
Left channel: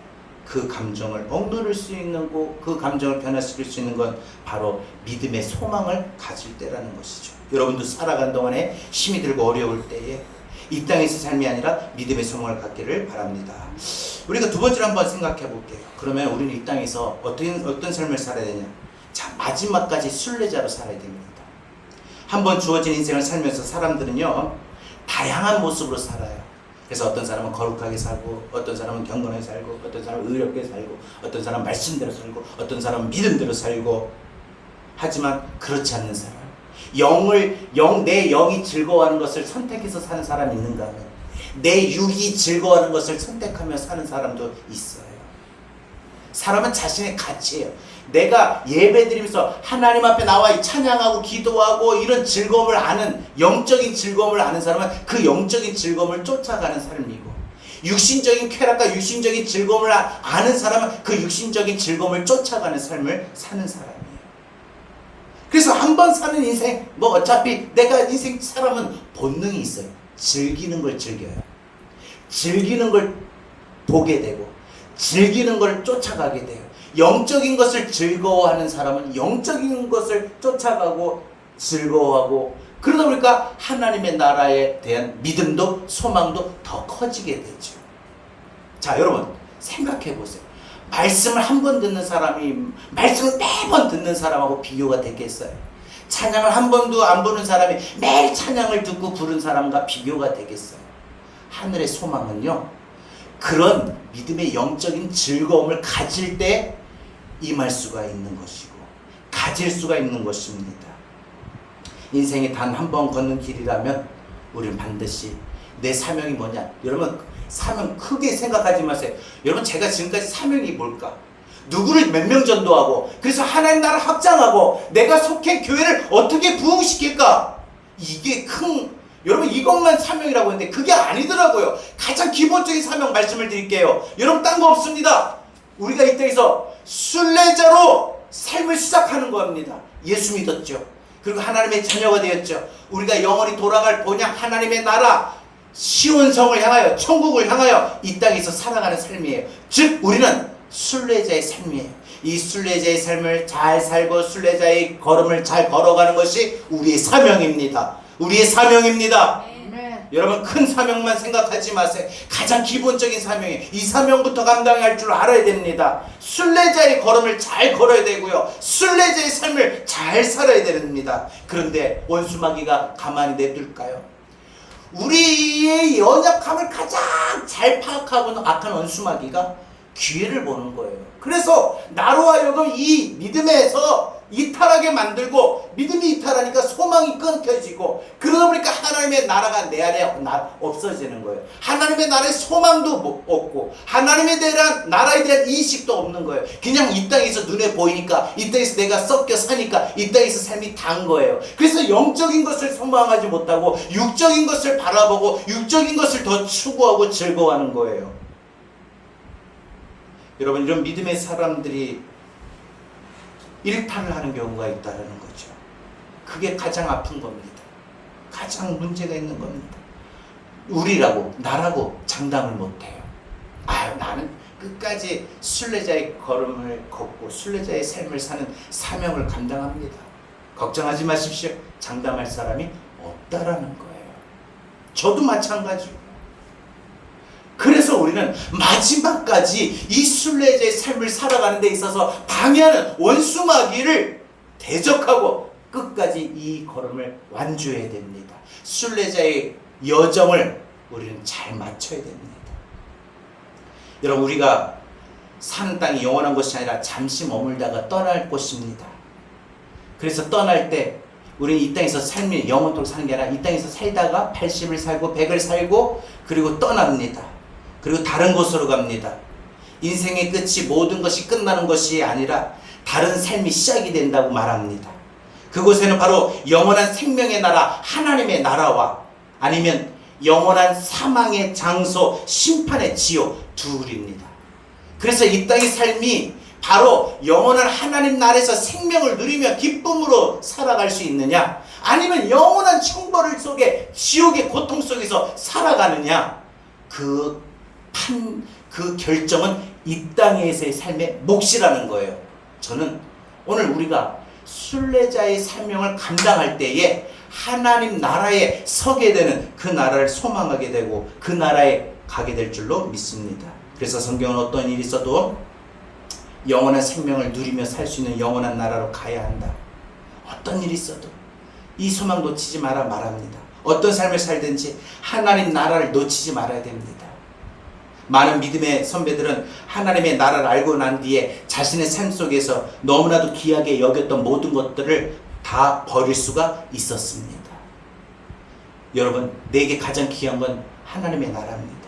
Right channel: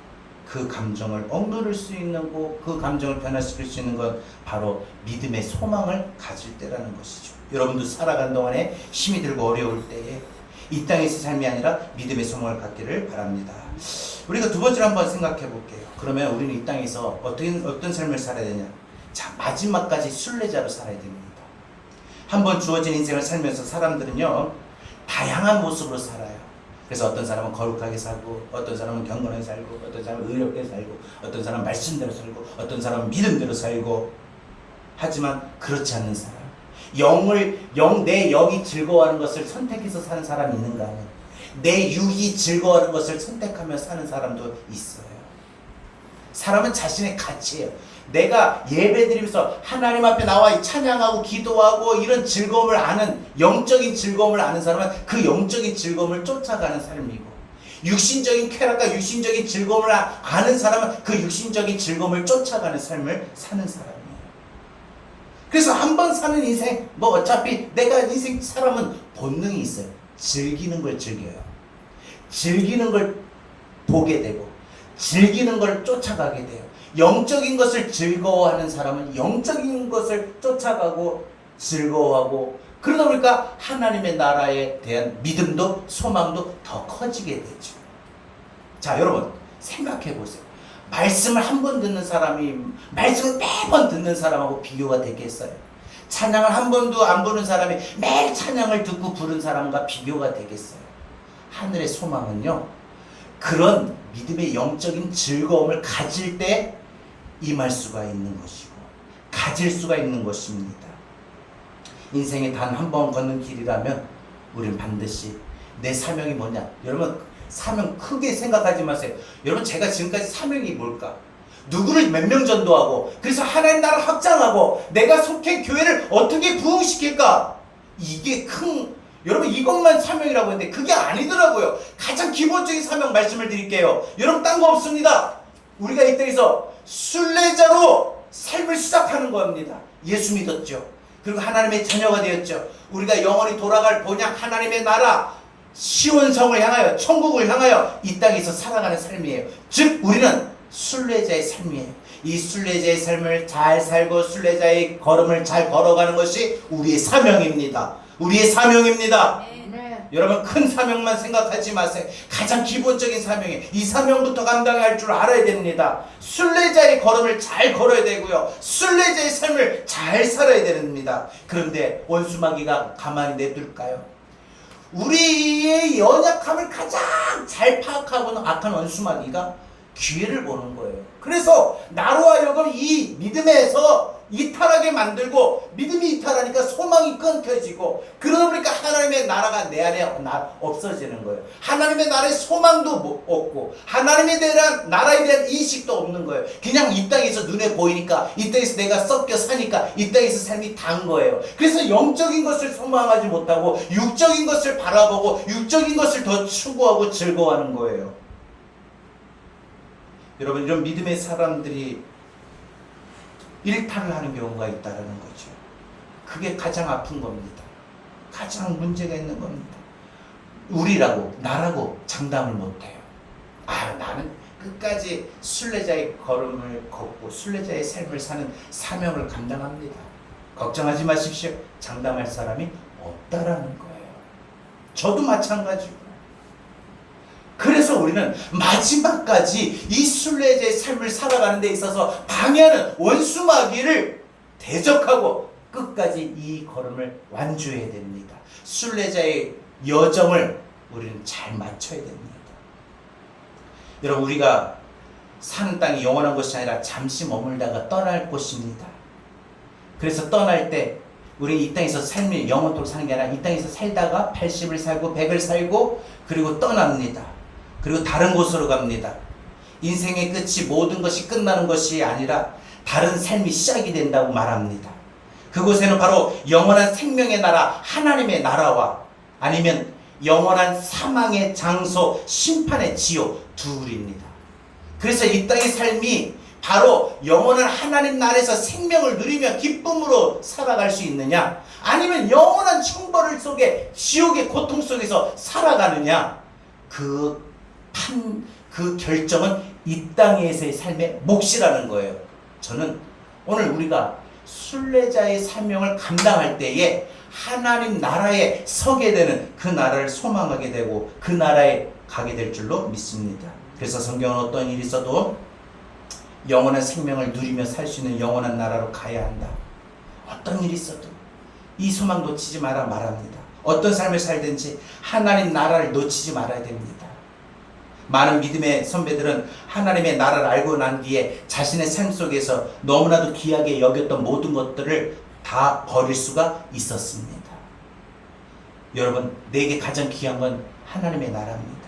그 감정을 억누를 수 있는 거, 그 감정을 변화시킬 수 있는 건 바로 믿음의 소망을 가질 때라는 것이죠. 여러분도 살아간 동안에 힘이 들고 어려울 때에 이 땅에서 삶이 아니라 믿음의 소망을 갖기를 바랍니다. 우리가 두 번째로 한번 생각해 볼게요. 그러면 우리는 이 땅에서 어떤 삶을 살아야 되냐? 자, 마지막까지 순례자로 살아야 됩니다. 한번 주어진 인생을 살면서 사람들은요, 다양한 모습으로 살아요. 그래서 어떤 사람은 거룩하게 살고, 어떤 사람은 경건하게 살고, 어떤 사람은 의롭게 살고, 어떤 사람은 말씀대로 살고, 어떤 사람은 믿음대로 살고. 하지만 그렇지 않는 사람, 내 영이 즐거워하는 것을 선택해서 사는 사람이 있는가 하면, 내 육이 즐거워하는 것을 선택하며 사는 사람도 있어요. 사람은 자신의 가치예요. 내가 예배드리면서 하나님 앞에 나와 찬양하고 기도하고 이런 즐거움을 아는, 영적인 즐거움을 아는 사람은 그 영적인 즐거움을 쫓아가는 삶이고, 육신적인 쾌락과 육신적인 즐거움을 아는 사람은 그 육신적인 즐거움을 쫓아가는 삶을 사는 사람이에요. 그래서 한 번 사는 인생, 뭐 어차피 내가 인생 사람은 본능이 있어요. 즐기는 걸 즐겨요. 즐기는 걸 보게 되고, 즐기는 걸 쫓아가게 돼요. 영적인 것을 즐거워하는 사람은 영적인 것을 쫓아가고 즐거워하고, 그러다 보니까 하나님의 나라에 대한 믿음도 소망도 더 커지게 되죠. 자, 여러분 생각해 보세요. 말씀을 한 번 듣는 사람이 말씀을 매번 듣는 사람하고 비교가 되겠어요? 찬양을 한 번도 안 부른 사람이 매일 찬양을 듣고 부른 사람과 비교가 되겠어요? 하늘의 소망은요, 그런 믿음의 영적인 즐거움을 가질 때 임할 수가 있는 것이고, 가질 수가 있는 것입니다. 인생에 단 한 번 걷는 길이라면 우리는 반드시 내 사명이 뭐냐? 여러분 사명 크게 생각하지 마세요. 여러분 제가 지금까지 사명이 뭘까? 누구를 몇 명 전도하고, 그래서 하나님 나라 확장하고, 내가 속해 교회를 어떻게 부흥시킬까? 이게 여러분 이것만 사명이라고 했는데 그게 아니더라고요. 가장 기본적인 사명 말씀을 드릴게요. 여러분 딴 거 없습니다. 우리가 이 땅에서 순례자로 삶을 시작하는 겁니다. 예수 믿었죠. 그리고 하나님의 자녀가 되었죠. 우리가 영원히 돌아갈 본향 하나님의 나라 시온성을 향하여, 천국을 향하여 이 땅에서 살아가는 삶이에요. 즉 우리는 순례자의 삶이에요. 이 순례자의 삶을 잘 살고 순례자의 걸음을 잘 걸어가는 것이 우리의 사명입니다. 우리의 사명입니다. 여러분 큰 사명만 생각하지 마세요. 가장 기본적인 사명이에요. 이 사명부터 감당할 줄 알아야 됩니다. 순례자의 걸음을 잘 걸어야 되고요, 순례자의 삶을 잘 살아야 됩니다. 그런데 원수마귀가 가만히 내둘까요? 우리의 연약함을 가장 잘 파악하고는 악한 원수마귀가 기회를 보는 거예요. 그래서 나로 하여금 이 믿음에서 이탈하게 만들고, 믿음이 이탈하니까 소망이 끊겨지고, 그러다 보니까 하나님의 나라가 내 안에 없어지는 거예요. 하나님의 나라의 소망도 없고, 하나님에 대한 나라에 대한 인식도 없는 거예요. 그냥 이 땅에서 눈에 보이니까, 이 땅에서 내가 섞여 사니까 이 땅에서 삶이 단 거예요. 그래서 영적인 것을 소망하지 못하고 육적인 것을 바라보고 육적인 것을 더 추구하고 즐거워하는 거예요. 여러분 이런 믿음의 사람들이 일탈을 하는 경우가 있다는 거죠. 그게 가장 아픈 겁니다. 가장 문제가 있는 겁니다. 우리라고 나라고 장담을 못해요. 나는 끝까지 순례자의 걸음을 걷고 순례자의 삶을 사는 사명을 감당합니다. 걱정하지 마십시오. 장담할 사람이 없다라는 거예요. 저도 마찬가지고. 그래서 우리는 마지막까지 이 순례자의 삶을 살아가는 데 있어서 방해하는 원수마귀를 대적하고 끝까지 이 걸음을 완주해야 됩니다. 순례자의 여정을 우리는 잘 맞춰야 됩니다. 여러분, 우리가 사는 땅이 영원한 곳이 아니라 잠시 머물다가 떠날 곳입니다. 그래서 떠날 때 우리 이 땅에서 삶이 영원토록 사는 게 아니라 이 땅에서 살다가 80을 살고 100을 살고 그리고 떠납니다. 그리고 다른 곳으로 갑니다. 인생의 끝이 모든 것이 끝나는 것이 아니라 다른 삶이 시작이 된다고 말합니다. 그곳에는 바로 영원한 생명의 나라, 하나님의 나라와 아니면 영원한 사망의 장소, 심판의 지옥 둘입니다. 그래서 이 땅의 삶이 바로 영원한 하나님 나라에서 생명을 누리며 기쁨으로 살아갈 수 있느냐, 아니면 영원한 형벌 속에 지옥의 고통 속에서 살아가느냐, 그 결정은 이 땅에서의 삶의 몫이라는 거예요. 저는 오늘 우리가 순례자의 사명을 감당할 때에 하나님 나라에 서게 되는 그 나라를 소망하게 되고 그 나라에 가게 될 줄로 믿습니다. 그래서 성경은 어떤 일이 있어도 영원한 생명을 누리며 살 수 있는 영원한 나라로 가야 한다. 어떤 일이 있어도 이 소망 놓치지 마라 말합니다. 어떤 삶을 살든지 하나님 나라를 놓치지 말아야 됩니다. 많은 믿음의 선배들은 하나님의 나라를 알고 난 뒤에 자신의 삶 속에서 너무나도 귀하게 여겼던 모든 것들을 다 버릴 수가 있었습니다. 여러분, 내게 가장 귀한 건 하나님의 나라입니다.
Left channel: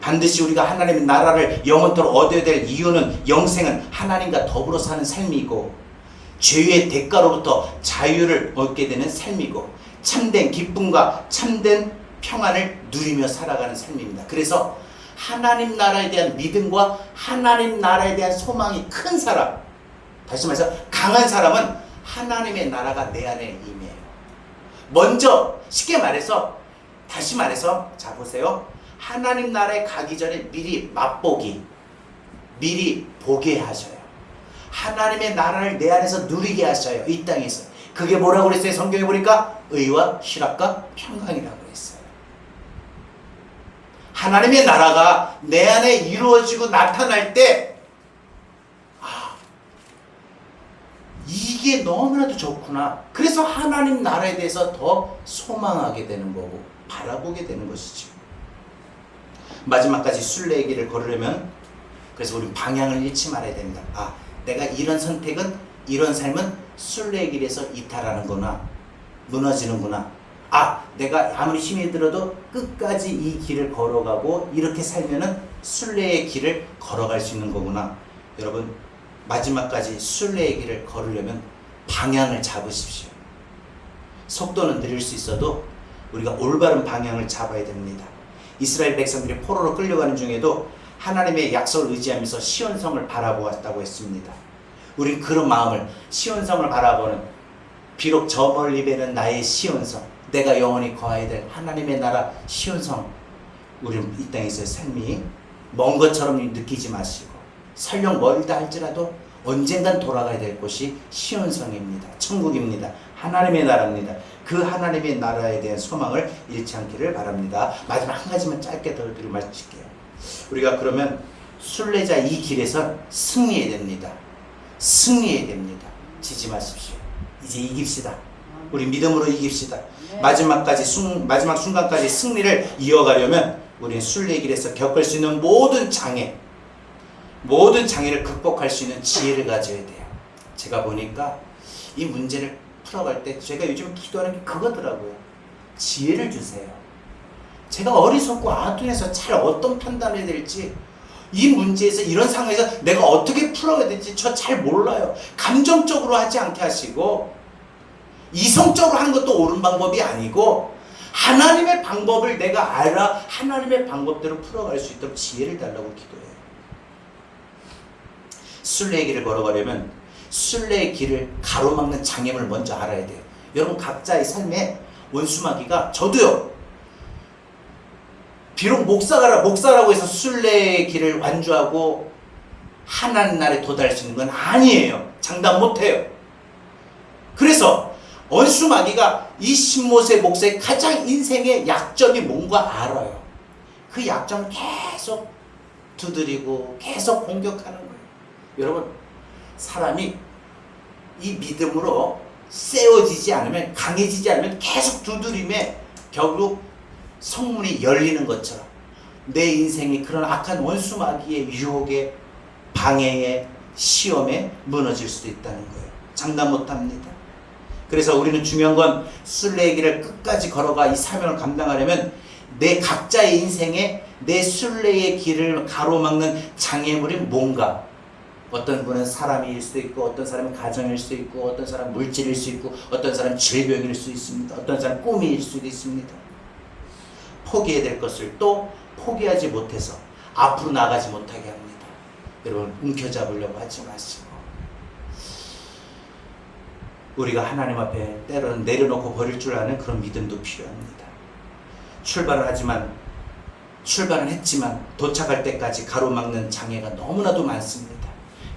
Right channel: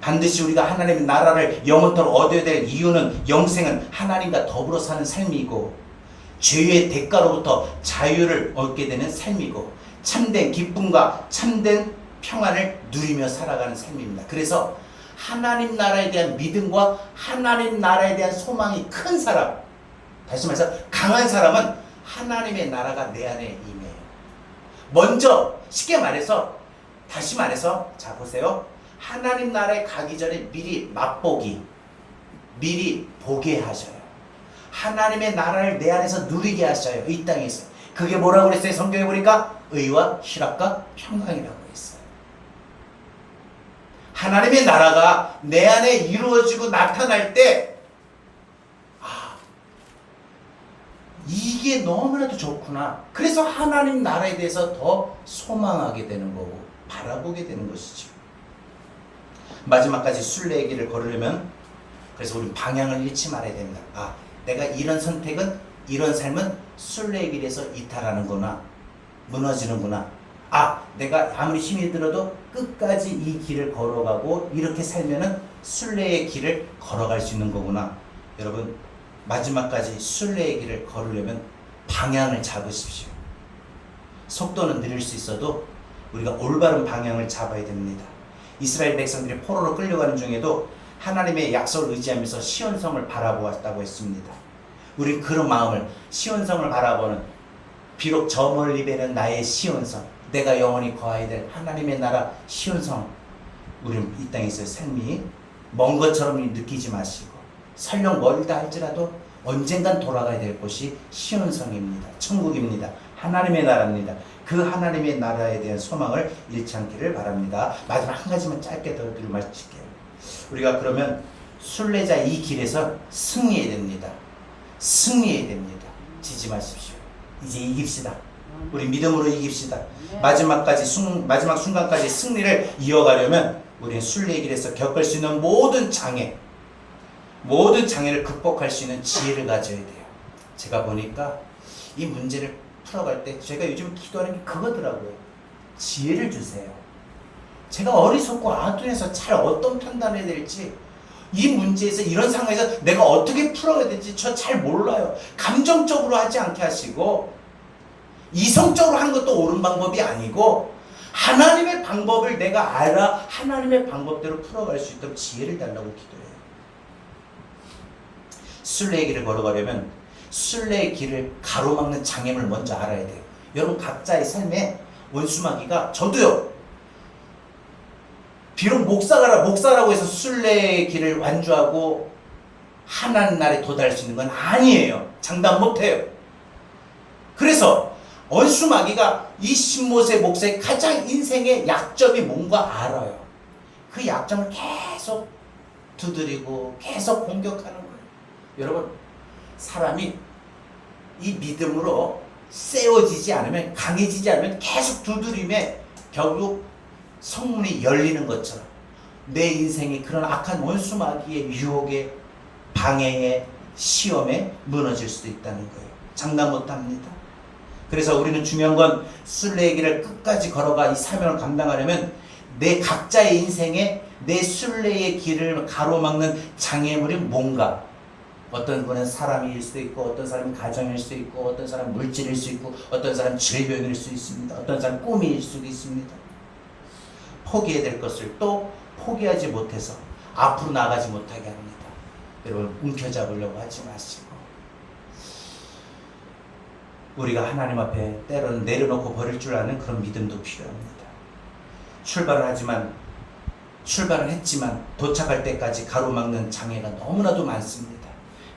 반드시 우리가 하나님의 나라를 영원토록 얻어야 될 이유는 영생은 하나님과 더불어 사는 삶이고 죄의 대가로부터 자유를 얻게 되는 삶이고 참된 기쁨과 참된 평안을 누리며 살아가는 삶입니다. 그래서 하나님 나라에 대한 믿음과 하나님 나라에 대한 소망이 큰 사람, 다시 말해서 강한 사람은 하나님의 나라가 내 안에 임해요. 먼저 쉽게 말해서, 다시 말해서, 자 보세요. 하나님 나라에 가기 전에 미리 맛보기, 미리 보게 하셔요. 하나님의 나라를 내 안에서 누리게 하셔요. 이 땅에서. 그게 뭐라고 그랬어요? 성경에 보니까 의와 희락과 평강이라고 했어요. 하나님의 나라가 내 안에 이루어지고 나타날 때 이게 너무나도 좋구나. 그래서 하나님 나라에 대해서 더 소망하게 되는 거고 바라보게 되는 것이죠. 마지막까지 순례의 길을 걸으려면 그래서 우리 방향을 잃지 말아야 됩니다. 내가 이런 선택은, 이런 삶은 순례의 길에서 이탈하는구나, 무너지는구나. 내가 아무리 힘이 들어도 끝까지 이 길을 걸어가고 이렇게 살면은 순례의 길을 걸어갈 수 있는 거구나. 여러분, 마지막까지 순례의 길을 걸으려면 방향을 잡으십시오. 속도는 느릴 수 있어도 우리가 올바른 방향을 잡아야 됩니다. 이스라엘 백성들이 포로로 끌려가는 중에도 하나님의 약속을 의지하면서 시온성을 바라보았다고 했습니다. 우리 그런 마음을, 시온성을 바라보는, 비록 저 멀리 배는 나의 시온성, 내가 영원히 거하야 될 하나님의 나라 시온성, 우리는 이 땅에서의 삶이 먼 것처럼 느끼지 마시고 설령 멀다 할지라도 언젠간 돌아가야 될 곳이 시온성입니다. 천국입니다. 하나님의 나라입니다. 그 하나님의 나라에 대한 소망을 잃지 않기를 바랍니다. 마지막 한 가지만 짧게 더 드리고 마칠게요. 우리가 그러면 순례자 이 길에서 승리해야 됩니다. 승리해야 됩니다. 지지 마십시오. 이제 이깁시다. 우리 믿음으로 이깁시다. 마지막 순간까지 승리를 이어가려면 우리는 순례의 길에서 겪을 수 있는 모든 장애를 극복할 수 있는 지혜를 가져야 돼요. 제가 보니까 이 문제를 풀어갈 때 제가 요즘 기도하는 게 그거더라고요. 지혜를 주세요. 제가 어리석고 아둔해서 잘 어떤 판단을 해야 될지, 이 문제에서 이런 상황에서 내가 어떻게 풀어야 될지 저 잘 몰라요. 감정적으로 하지 않게 하시고 이성적으로 하는 것도 옳은 방법이 아니고 하나님의 방법을 내가 알아 하나님의 방법대로 풀어갈 수 있도록 지혜를 달라고 기도해요. 순례의 길을 걸어가려면 순례의 길을 가로막는 장애물을 먼저 알아야 돼요. 여러분, 각자의 삶에 원수마귀가, 저도요, 비록 목사라고 해서 순례의 길을 완주하고 하나님 나라에 도달할 수 있는 건 아니에요. 장담 못해요. 그래서 원수마귀가 이 신모세 목사의 가장 인생의 약점이 뭔가 알아요. 그 약점을 계속 두드리고 계속 공격하는 거예요. 여러분, 사람이 이 믿음으로 세워지지 않으면, 강해지지 않으면 계속 두드림에 결국 성문이 열리는 것처럼 내 인생이 그런 악한 원수마귀의 유혹에, 방해에, 시험에 무너질 수도 있다는 거예요. 장담 못합니다. 그래서 우리는 중요한 건 순례의 길을 끝까지 걸어가 이 사명을 감당하려면 내 각자의 인생에 내 순례의 길을 가로막는 장애물이 뭔가, 어떤 분은 사람일 수도 있고, 어떤 사람은 가정일 수도 있고, 어떤 사람은 물질일 수 있고, 어떤 사람은 질병일 수 있습니다. 어떤 사람은 꿈일 수도 있습니다. 포기해야 될 것을 또 포기하지 못해서 앞으로 나가지 못하게 합니다. 여러분, 움켜잡으려고 하지 마시고, 우리가 하나님 앞에 때로는 내려놓고 버릴 줄 아는 그런 믿음도 필요합니다. 출발은 했지만 도착할 때까지 가로막는 장애가 너무나도 많습니다.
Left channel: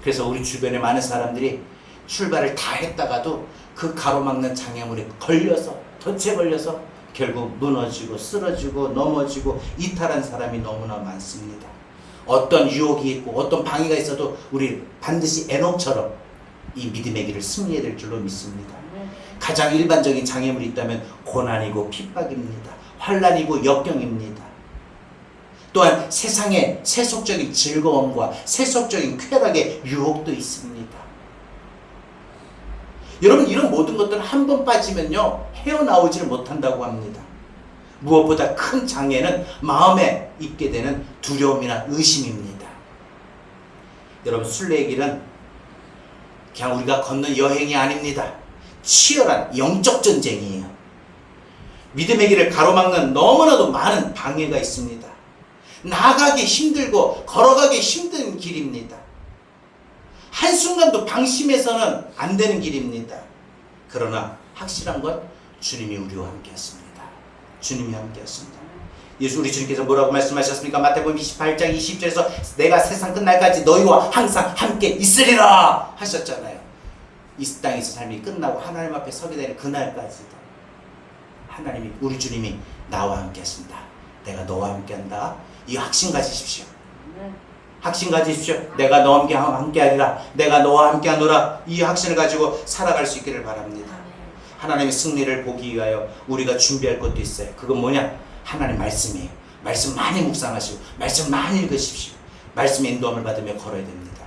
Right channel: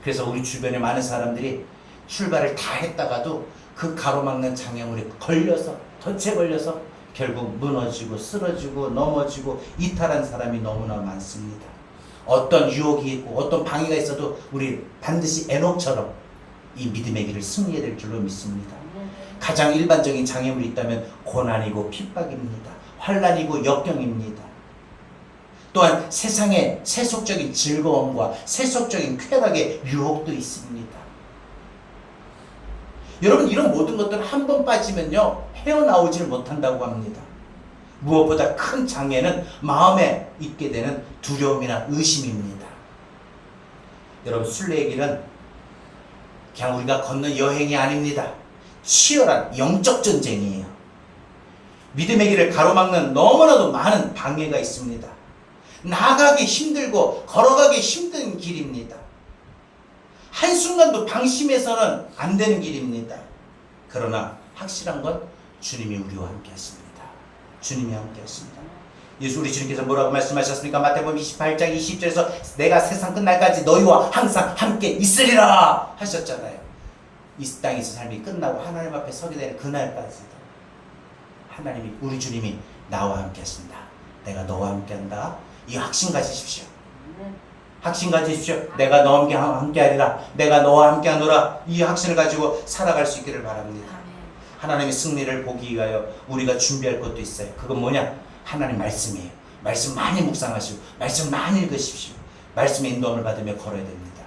그래서 우리 주변에 많은 사람들이 출발을 다 했다가도 그 가로막는 장애물에 걸려서, 덫에 걸려서 결국 무너지고 쓰러지고 넘어지고 이탈한 사람이 너무나 많습니다. 어떤 유혹이 있고 어떤 방해가 있어도 우리 반드시 에녹처럼 이 믿음의 길을 승리해야 될 줄로 믿습니다. 가장 일반적인 장애물이 있다면 고난이고 핍박입니다. 환난이고 역경입니다. 또한 세상의 세속적인 즐거움과 세속적인 쾌락의 유혹도 있습니다. 여러분, 이런 모든 것들은 한 번 빠지면요 헤어나오지를 못한다고 합니다. 무엇보다 큰 장애는 마음에 있게 되는 두려움이나 의심입니다. 여러분, 순례의 길은 그냥 우리가 걷는 여행이 아닙니다. 치열한 영적 전쟁이에요. 믿음의 길을 가로막는 너무나도 많은 방해가 있습니다. 나가기 힘들고 걸어가기 힘든 길입니다. 한순간도 방심해서는 안 되는 길입니다. 그러나 확실한 건 주님이 우리와 함께 하십니다. 주님이 함께 하십니다. 우리 주님께서 뭐라고 말씀하셨습니까? 마태복음 28장 20절에서 내가 세상 끝날까지 너희와 항상 함께 있으리라 하셨잖아요. 이 땅에서 삶이 끝나고 하나님 앞에 서게 되는 그날까지도 하나님이, 우리 주님이 나와 함께 하신다. 내가 너와 함께 한다. 이 확신 가지십시오. 확신 가지십시오. 내가 너와 함께 하리라. 내가 너와 함께 하노라. 이 확신을 가지고 살아갈 수 있기를 바랍니다. 하나님의 승리를 보기 위하여 우리가 준비할 것도 있어요. 그건 뭐냐? 하나님 말씀이에요. 말씀 많이 묵상하시고 말씀 많이 읽으십시오. 말씀의 인도함을 받으며 걸어야 됩니다.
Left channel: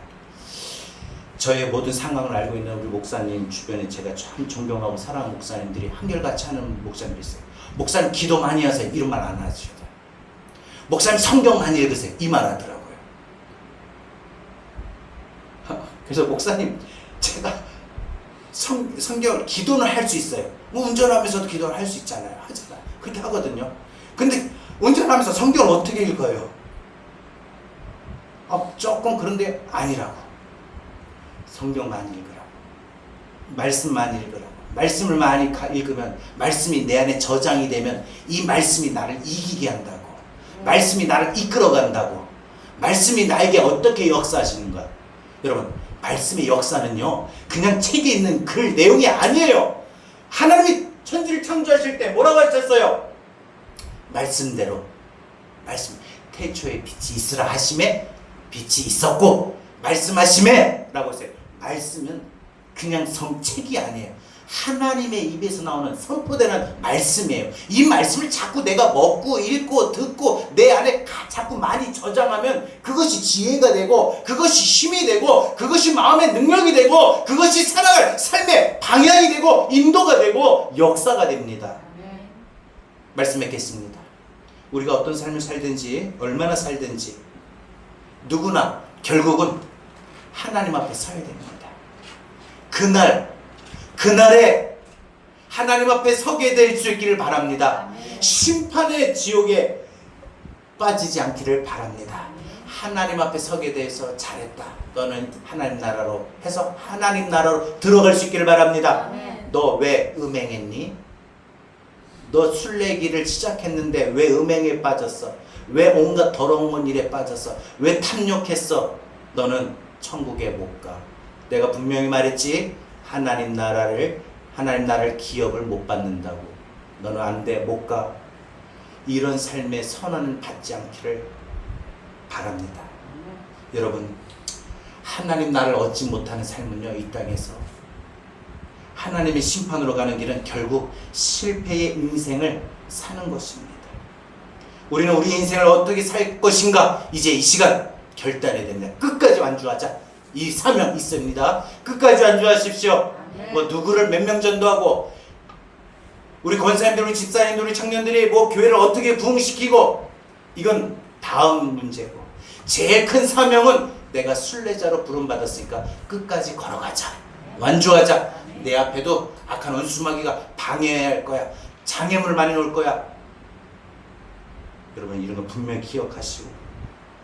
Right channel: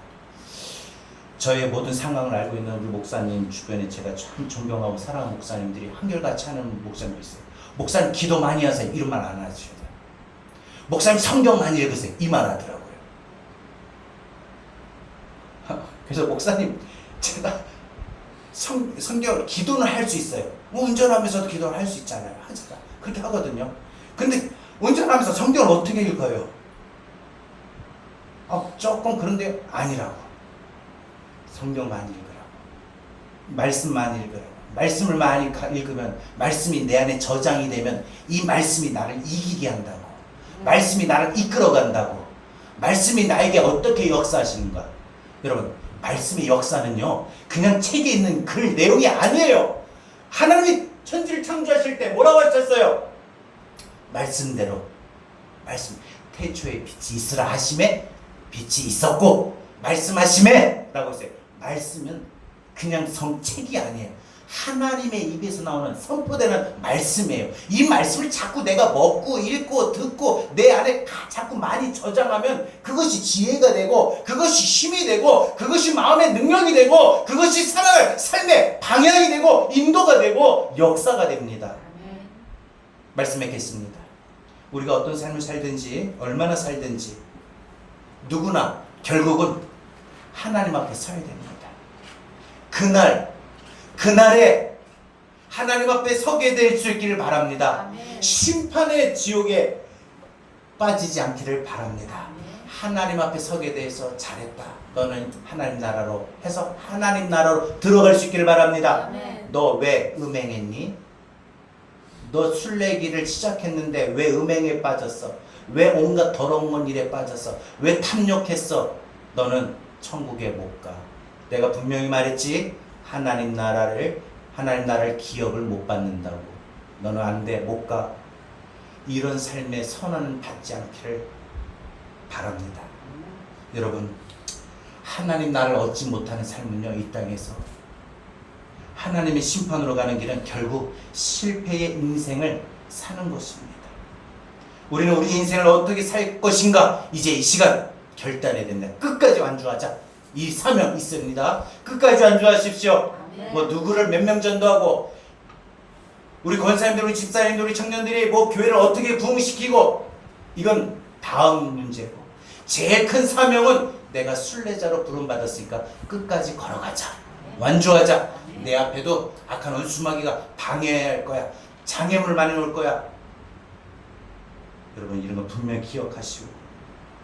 저의 모든 상황을 알고 있는 우리 목사님 주변에 제가 참 존경하고 사랑하는 목사님들이 한결같이 하는 목사님들이 있어요. 목사님 기도 많이 하세요. 이런 말 안 하셔도 돼요. 목사님 성경 많이 읽으세요. 이 말 하더라고요. 그래서 목사님, 제가 성경을 기도는 할 수 있어요. 뭐 운전하면서도 기도를 할 수 있잖아요. 하잖아요. 그렇게 하거든요. 근데 운전하면서 성경을 어떻게 읽어요? 조금 그런데 아니라고. 성경 많이 읽으라고. 말씀 많이 읽으라고. 말씀을 많이 읽으면 말씀이 내 안에 저장이 되면 이 말씀이 나를 이기게 한다고. 말씀이 나를 이끌어간다고. 말씀이 나에게 어떻게 역사하시는가. 여러분, 말씀의 역사는요 그냥 책에 있는 글 내용이 아니에요. 하나님이 천지를 창조하실 때 뭐라고 하셨어요? 말씀대로, 말씀, 태초에 빛이 있으라 하심에 빛이 있었고 말씀하심에 라고 했어요. 말씀은 그냥 책이 아니에요. 하나님의 입에서 나오는 선포되는 말씀이에요. 이 말씀을 자꾸 내가 먹고 읽고 듣고 내 안에 자꾸 많이 저장하면 그것이 지혜가 되고 그것이 힘이 되고 그것이 마음의 능력이 되고 그것이 살아갈 삶의 방향이 되고 인도가 되고 역사가 됩니다. 말씀 맺겠습니다. 우리가 어떤 삶을 살든지 얼마나 살든지 누구나 결국은 하나님 앞에 서야 됩니다. 그날에 하나님 앞에 서게 될 수 있기를 바랍니다. 아멘. 심판의 지옥에 빠지지 않기를 바랍니다. 아멘. 하나님 앞에 서게 돼서 잘했다. 너는 하나님 나라로 해서 하나님 나라로 들어갈 수 있기를 바랍니다. 아멘. 너 왜 음행했니? 너 순례길을 시작했는데 왜 음행에 빠졌어? 왜 온갖 더러운 일에 빠져서 왜 탐욕했어? 너는 천국에 못 가. 내가 분명히 말했지. 하나님 나라를 기업을 못 받는다고. 너는 안 돼, 못 가. 이런 삶의 선언을 받지 않기를 바랍니다. 여러분, 하나님 나라를 얻지 못하는 삶은요, 이 땅에서 하나님의 심판으로 가는 길은 결국 실패의 인생을 사는 것입니다. 우리는 우리 인생을 어떻게 살 것인가 이제 이 시간 결단해야 된다. 끝까지 완주하자. 이 사명 있습니다. 끝까지 완주하십시오. 뭐 누구를 몇 명 전도하고 우리 권사님들, 우리 집사님들, 우리 청년들이 뭐 교회를 어떻게 부흥시키고 이건 다음 문제고, 제일 큰 사명은 내가 순례자로 부름받았으니까 끝까지 걸어가자. 완주하자. 내 앞에도 악한 원수마귀가 방해할 거야. 장애물 많이 놓을 거야. 여러분, 이런 거 분명히 기억하시고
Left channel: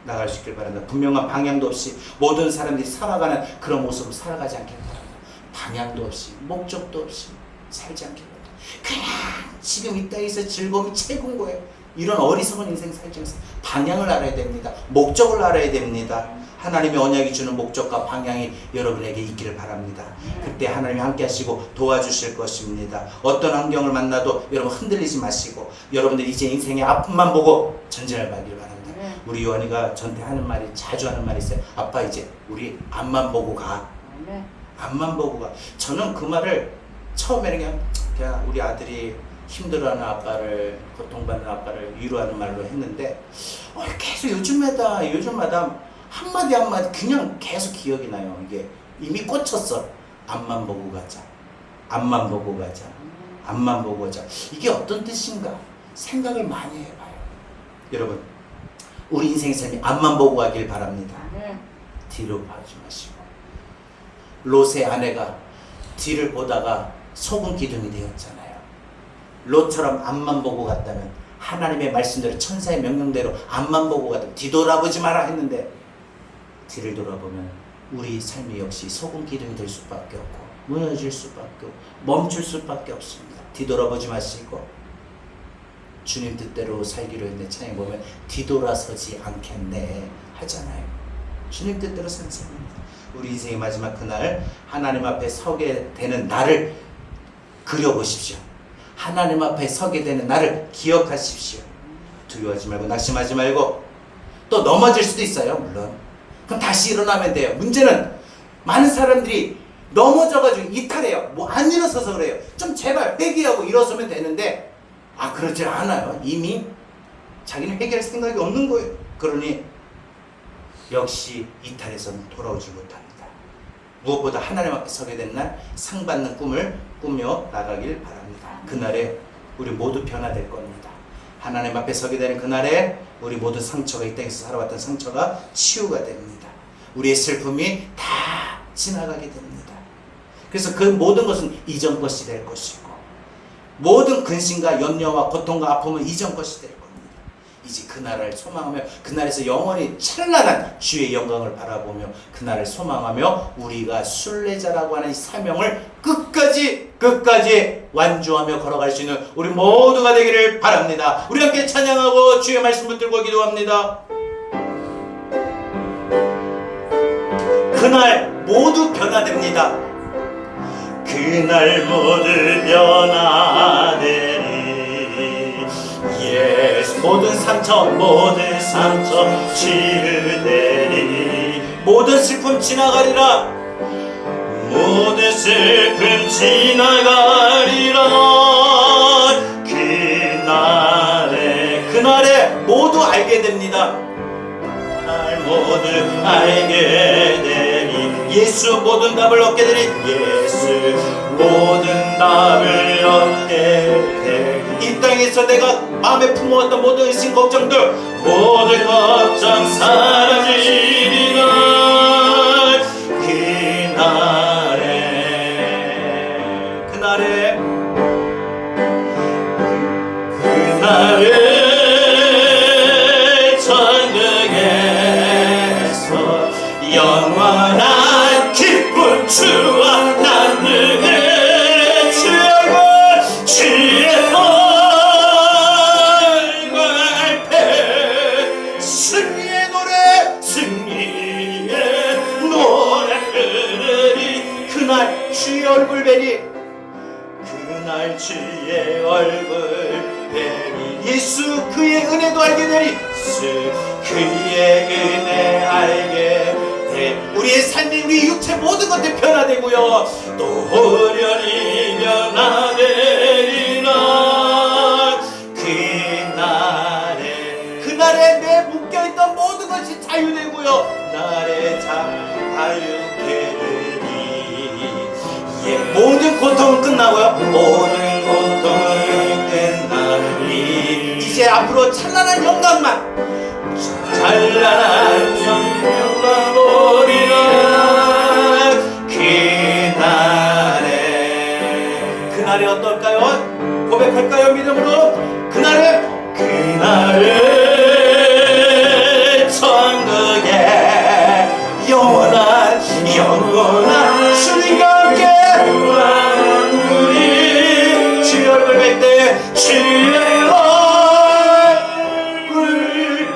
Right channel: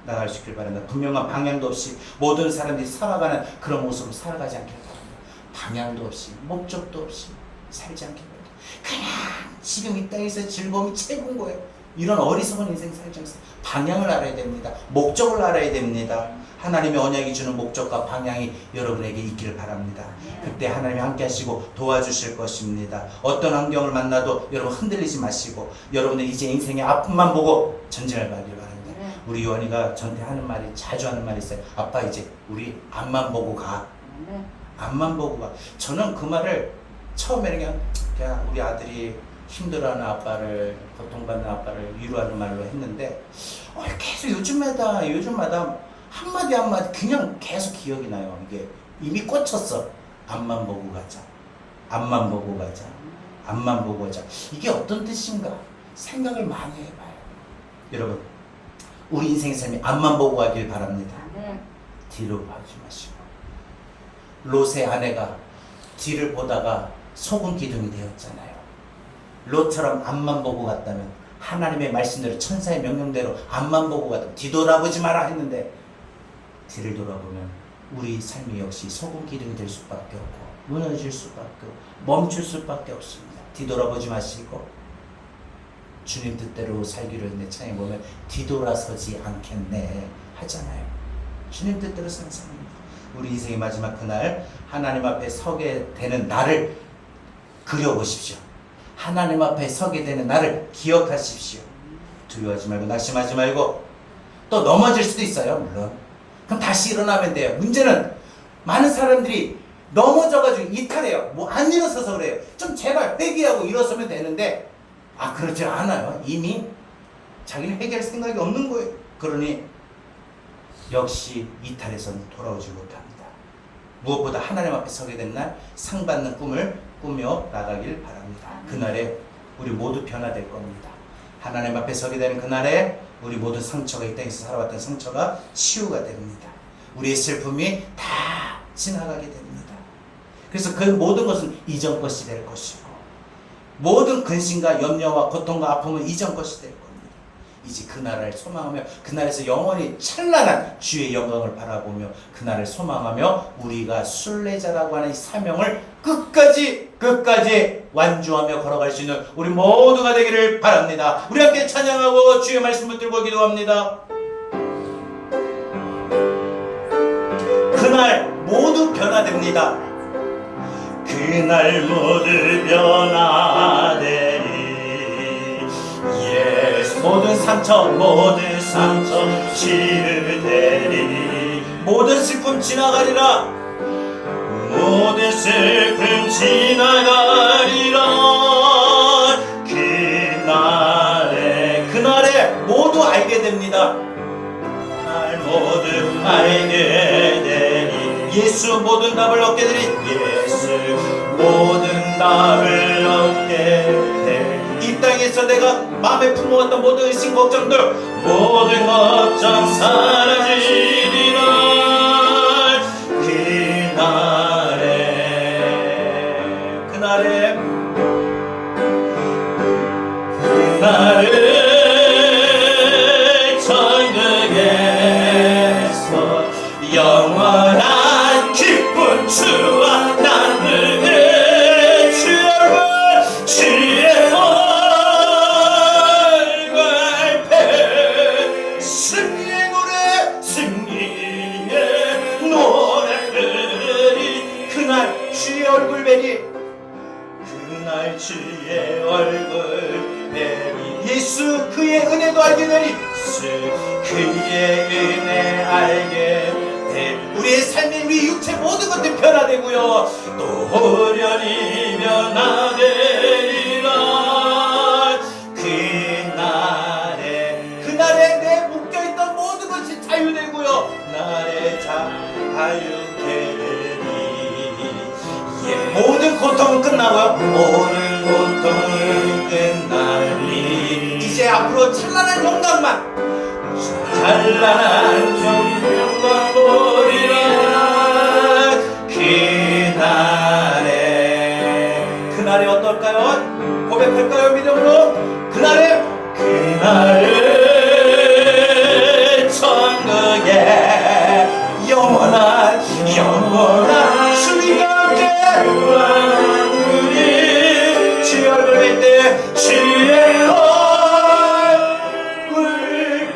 나갈 수 있길 바랍니다. 분명한 방향도 없이 모든 사람들이 살아가는 그런 모습으로 살아가지 않길 바랍니다. 방향도 없이 목적도 없이 살지 않길 바랍니다. 그냥 지금 이 땅에서 즐거움이 최고인 거예요. 이런 어리석은 인생 살지 않습니다. 방향을 알아야 됩니다. 목적을 알아야 됩니다. 하나님의 언약이 주는 목적과 방향이 여러분에게 있기를 바랍니다. 그때 하나님이 함께 하시고 도와주실 것입니다. 어떤 환경을 만나도 여러분 흔들리지 마시고 여러분들 이제 인생의 앞만 보고 전진을 가기를 바랍니다. 우리 요한이가 저한테 하는 말이, 자주 하는 말이 있어요. 아빠, 이제 우리 앞만 보고 가. 앞만 보고 가. 저는 그 말을 처음에는 그냥 우리 아들이 힘들어하는 아빠를, 고통받는 아빠를 위로하는 말로 했는데 계속 요즘마다 한마디 그냥 계속 기억이 나요. 이게 이미 꽂혔어. 앞만 보고 가자. 앞만 보고 가자. 앞만 보고 가자. 이게 어떤 뜻인가 생각을 많이 해봐요. 여러분, 우리 인생의 삶이 앞만 보고 가길 바랍니다. 뒤로 봐지 마시고. 롯의 아내가 뒤를 보다가 소금 기둥이 되었잖아요. 롯처럼 앞만 보고 갔다면, 하나님의 말씀대로 천사의 명령대로 앞만 보고 갔다면, 뒤돌아보지 마라 했는데 뒤를 돌아보면 우리 삶이 역시 소금 기둥이 될 수밖에 없고 무너질 수밖에 없고 멈출 수밖에 없습니다. 뒤돌아보지 마시고 주님 뜻대로 살기로 했는데 창에 보면 뒤돌아서지 않겠네 하잖아요. 주님 뜻대로 사는 삶입니다. 우리 인생의 마지막 그날 하나님 앞에 서게 되는 날을 그려보십시오. 하나님 앞에 서게 되는 날을 기억하십시오. 두려워하지 말고 낙심하지 말고, 또 넘어질 수도 있어요. 물론 그럼 다시 일어나면 돼요. 문제는 많은 사람들이 넘어져가지고 이탈해요. 뭐 안 일어서서 그래요. 좀 제발 회개하고 일어서면 되는데 그러지 않아요. 이미 자기는 회개할 생각이 없는 거예요. 그러니 역시 이탈해서는 돌아오지 못합니다. 무엇보다 하나님 앞에 서게 된 날 상받는 꿈을 꾸며 나가길 바랍니다. 그날에 우리 모두 변화될 겁니다. 하나님 앞에 서게 되는 그날에 우리 모든 상처가, 이 땅에서 살아왔던 상처가 치유가 됩니다. 우리의 슬픔이 다 지나가게 됩니다. 그래서 그 모든 것은 이전 것이 될 것이고, 모든 근심과 염려와 고통과 아픔은 이전 것이 될 겁니다. 이제 그날을 소망하며, 그날에서 영원히 찬란한 주의 영광을 바라보며 그날을 소망하며 우리가 순례자라고 하는 이 사명을 끝까지 완주하며 걸어갈 수 있는 우리 모두가 되기를 바랍니다. 우리 함께 찬양하고 주의 말씀 붙들고 기도합니다. 그날 모두 변화됩니다. 그날 모두 변화되리. 예수 모든 상처 치유되리. 모든 슬픔 지나가리라. 모든 슬픔 지나가리라. 그날에 모두 알게 됩니다. 모두 알게 되리. 예수 모든 답을 얻게 되리. 예수 모든 답을 얻게 되리. 이 땅에서 내가 마음에 품어왔던 모든 의심 걱정들, 모든 걱정 사라지리라. 그날에 천국에서 영원한 기쁜 주와 나누게 주의 얼굴 뵈리 그날 주의 얼굴 뵈리 예수 그의 은혜도 알게 되리 그의 은혜 알게 되리 우리의 삶이 우리 육체 모든 것들 변화되고요 또 호련히 변화되리라 그날에 내 묶여있던 모든 것이 자유되고요 날에 자유되리 모든 고통은 끝나고요 모든 고통은 끝나리 이제 앞으로 찬란한 영광만 찬란한 영광만 보리라 그날에 어떨까요? 고백할까요? 믿음으로 그날에 천국에 영원한 주님과 함께 우리 주의 얼굴 뵐 때 주의 얼굴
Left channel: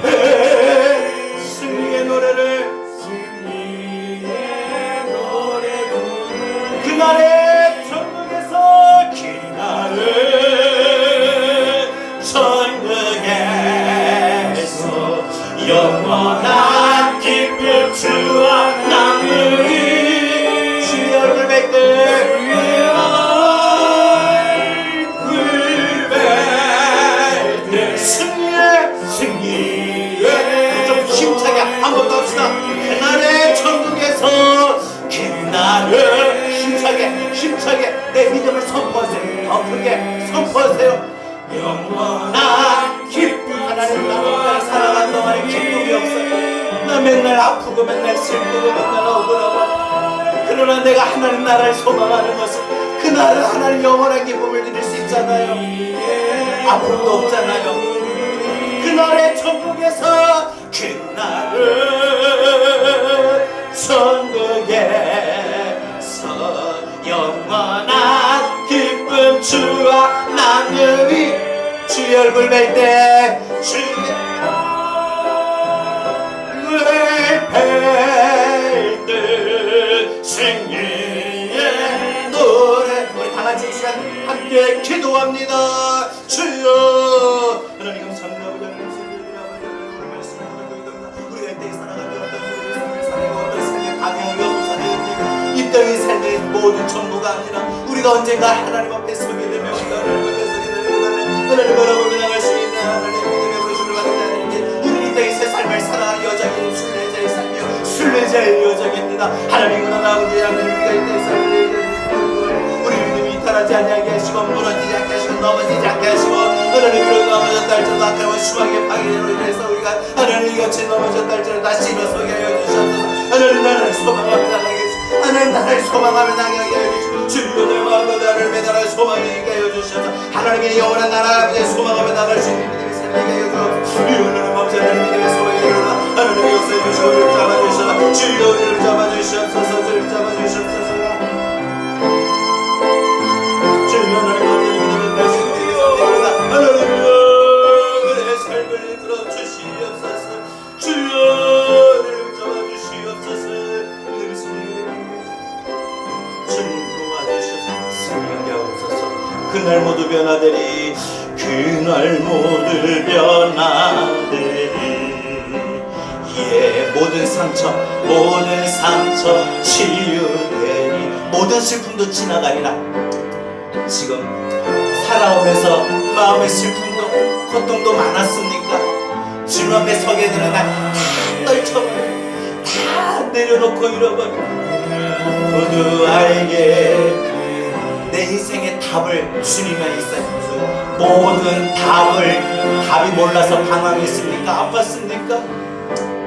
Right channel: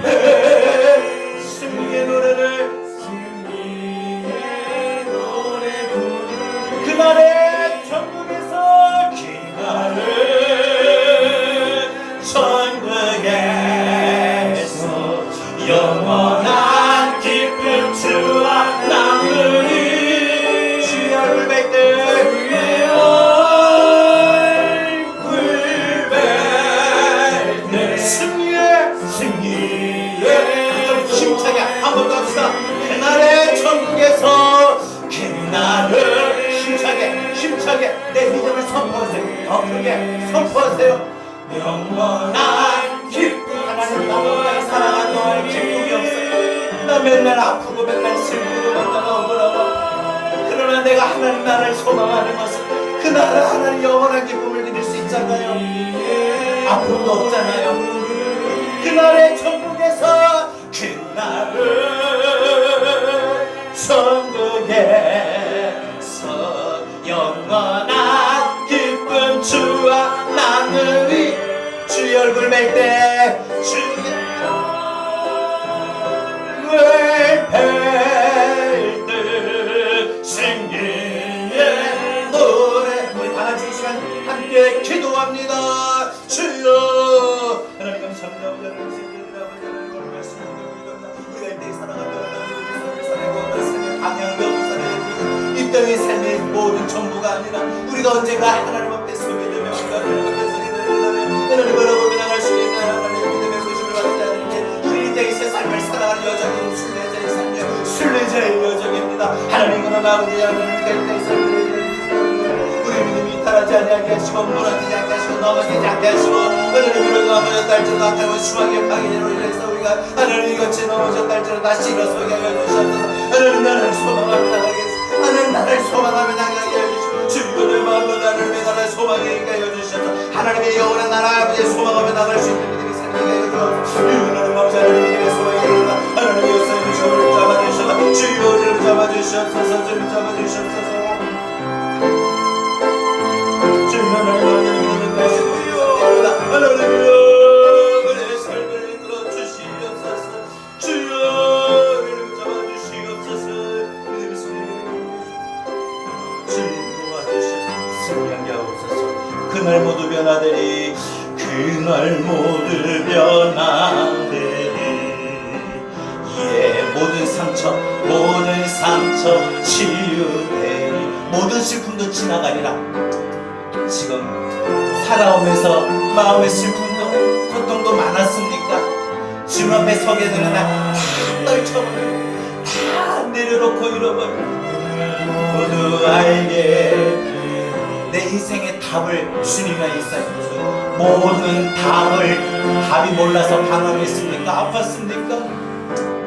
뵐 승리의 노래를 그날에 천국에서 영원한 기쁨 주와 나누리 주의 얼굴 뵐 때 승리의 좀 힘차게 한 번 더 합시다 그날의 천국에서 힘차게 내 믿음을 선포하세요 더 크게 선포하세요 영원한 기쁨 하나님 나를 사랑하는 동안 기쁨이 없어요 나 맨날 아프고 맨날 슬프고 맨날 억울하고 그러나 내가 하나님 나라를 소망하는 것은 그날은 하나님 영원한 기쁨을 드릴 수 있잖아요 아픔도 없잖아요 그날의 천국에서 그날은 천국에서 영원한 기쁨 주와 나누리 주의 얼굴 뵐 때 주의 얼굴 뵐 때 승리의 노래 우리 다같이 이 시간 함께 기도합니다 주여 하나님 감사합니다 우리가 이때에 살아가며 어떤 삶을 방향이 없사는 이 땅의 삶의 모든 전부가 아니라 우리가 언젠가 하나님 앞에 서게 되면 하나님 앞에 서게 되면 하나님 바라보며 나갈 수 있는 하나님 믿음의 부르심을 받은 자들에게 우리 이 땅의 새 삶을 살아가는 여정이 순례자의 삶이요 순례자의 여정입니다 하나님은 아버지 하나님과 이 땅의 삶을 우리 믿음이 타락하지 않게 하시고 무너지지 않게 하시고 넘어지지 않게 하시고 하나님 넘어졌다 할지라도 아까운 수박의 파괴로 인해서 우리가 하나님 이같이 넘어졌다 할지라도 다시 일어서게 하여 주셔서 하나님 나라를 소망하며 나가게 하나님 나라를 소망하며 나가게 해주시고 주님의 마음으로 나를 매달아 소망하게 하여 주셔서 하나님의 영원한 나라 아버지의 소망하며 나갈 수 있는 믿음이 살게 하여 주옵소서 하나님 아버지 하나님 믿음의 소망이 되어라 하나님의 역사해 주시고 우리를 잡아주셔서 주여 우리를 잡아주시옵소서 주님 잡아주시옵소서 주님 하나님 하나님이여 내 삶을 이끌어 주시옵소서 주여 우리를 잡아주시옵소서 주님 도와주시옵소서 승리하게 하옵소서 그날 모두 변화되리 그날 모두 변화되리 모든 상처 치유되리 모든 슬픔도 지나가리라 지금 살아오면서 마음의 슬픔도 고통도 많았습니까? 주님 앞에 서게 되는 날 다 떨쳐버려 다 내려놓고 잃어버려 모두 알게 내 인생의 답을 주님에 있어요 모든 답이 몰라서 방황했습니까? 아팠습니까?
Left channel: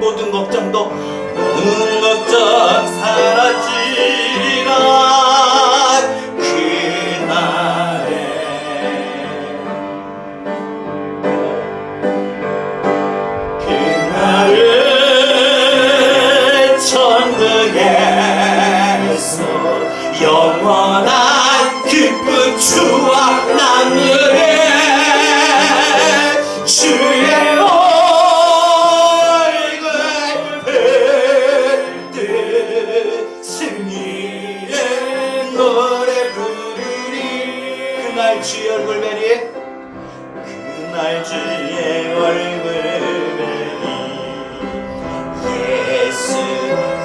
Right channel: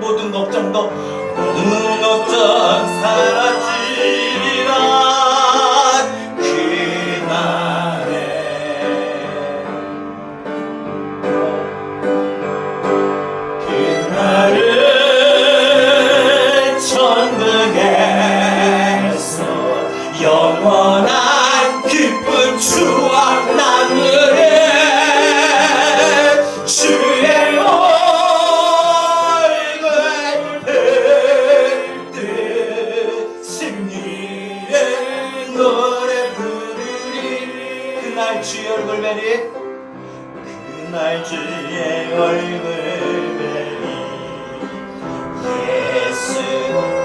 모든 걱정 사라지리라 그날에 천국에서 영원한 기쁨 주와 나누리 주의 노래 그날 주의 얼굴 뵈리 그날 주의 얼굴 뵈리 예수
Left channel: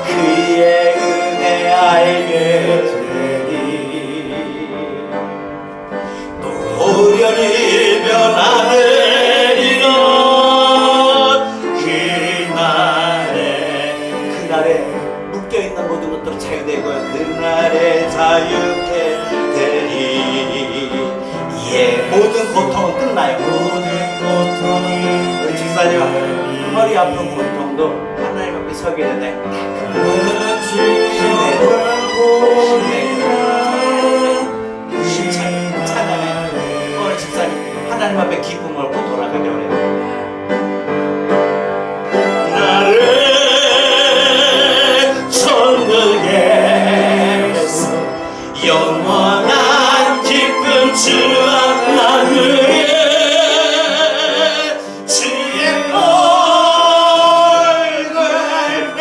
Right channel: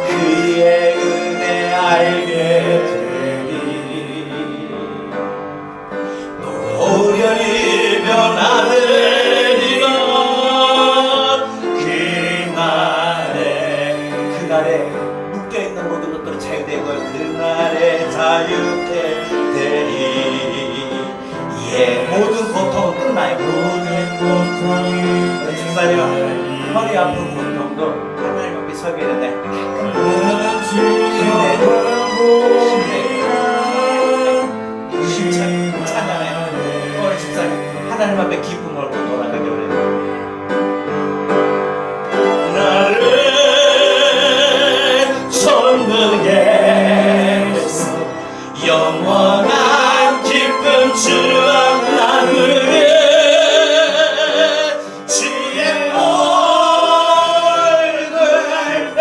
그의 은혜 알게 되리 노련히 변하는 이런 그날에 묶여있는 모든 것들을 자유되고 그날에 자유케 되리 모든 고통은 끝나요. 모든 고통은 우리 집사님 허리 아픈 고통도 하나님 앞에 서게 된다. 힘차게 찬양해. 오늘 집사님 하나님 앞에 기쁨을 얻고 돌아가려고 해요. 영원한 기쁨 주와 나누리 주의 얼굴 뵐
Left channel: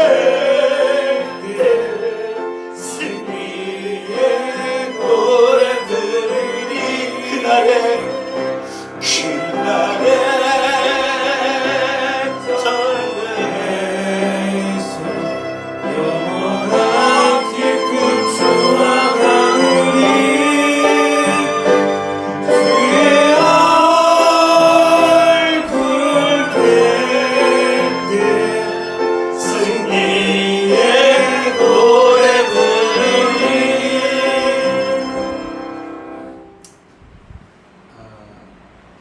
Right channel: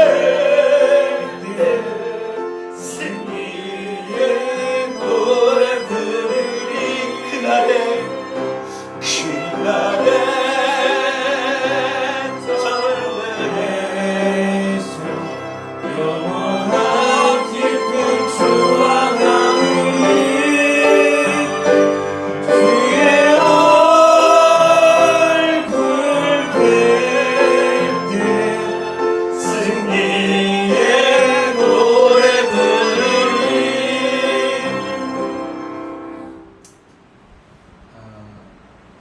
승리의 노래 부르리 그날에 영원한 기쁨 주와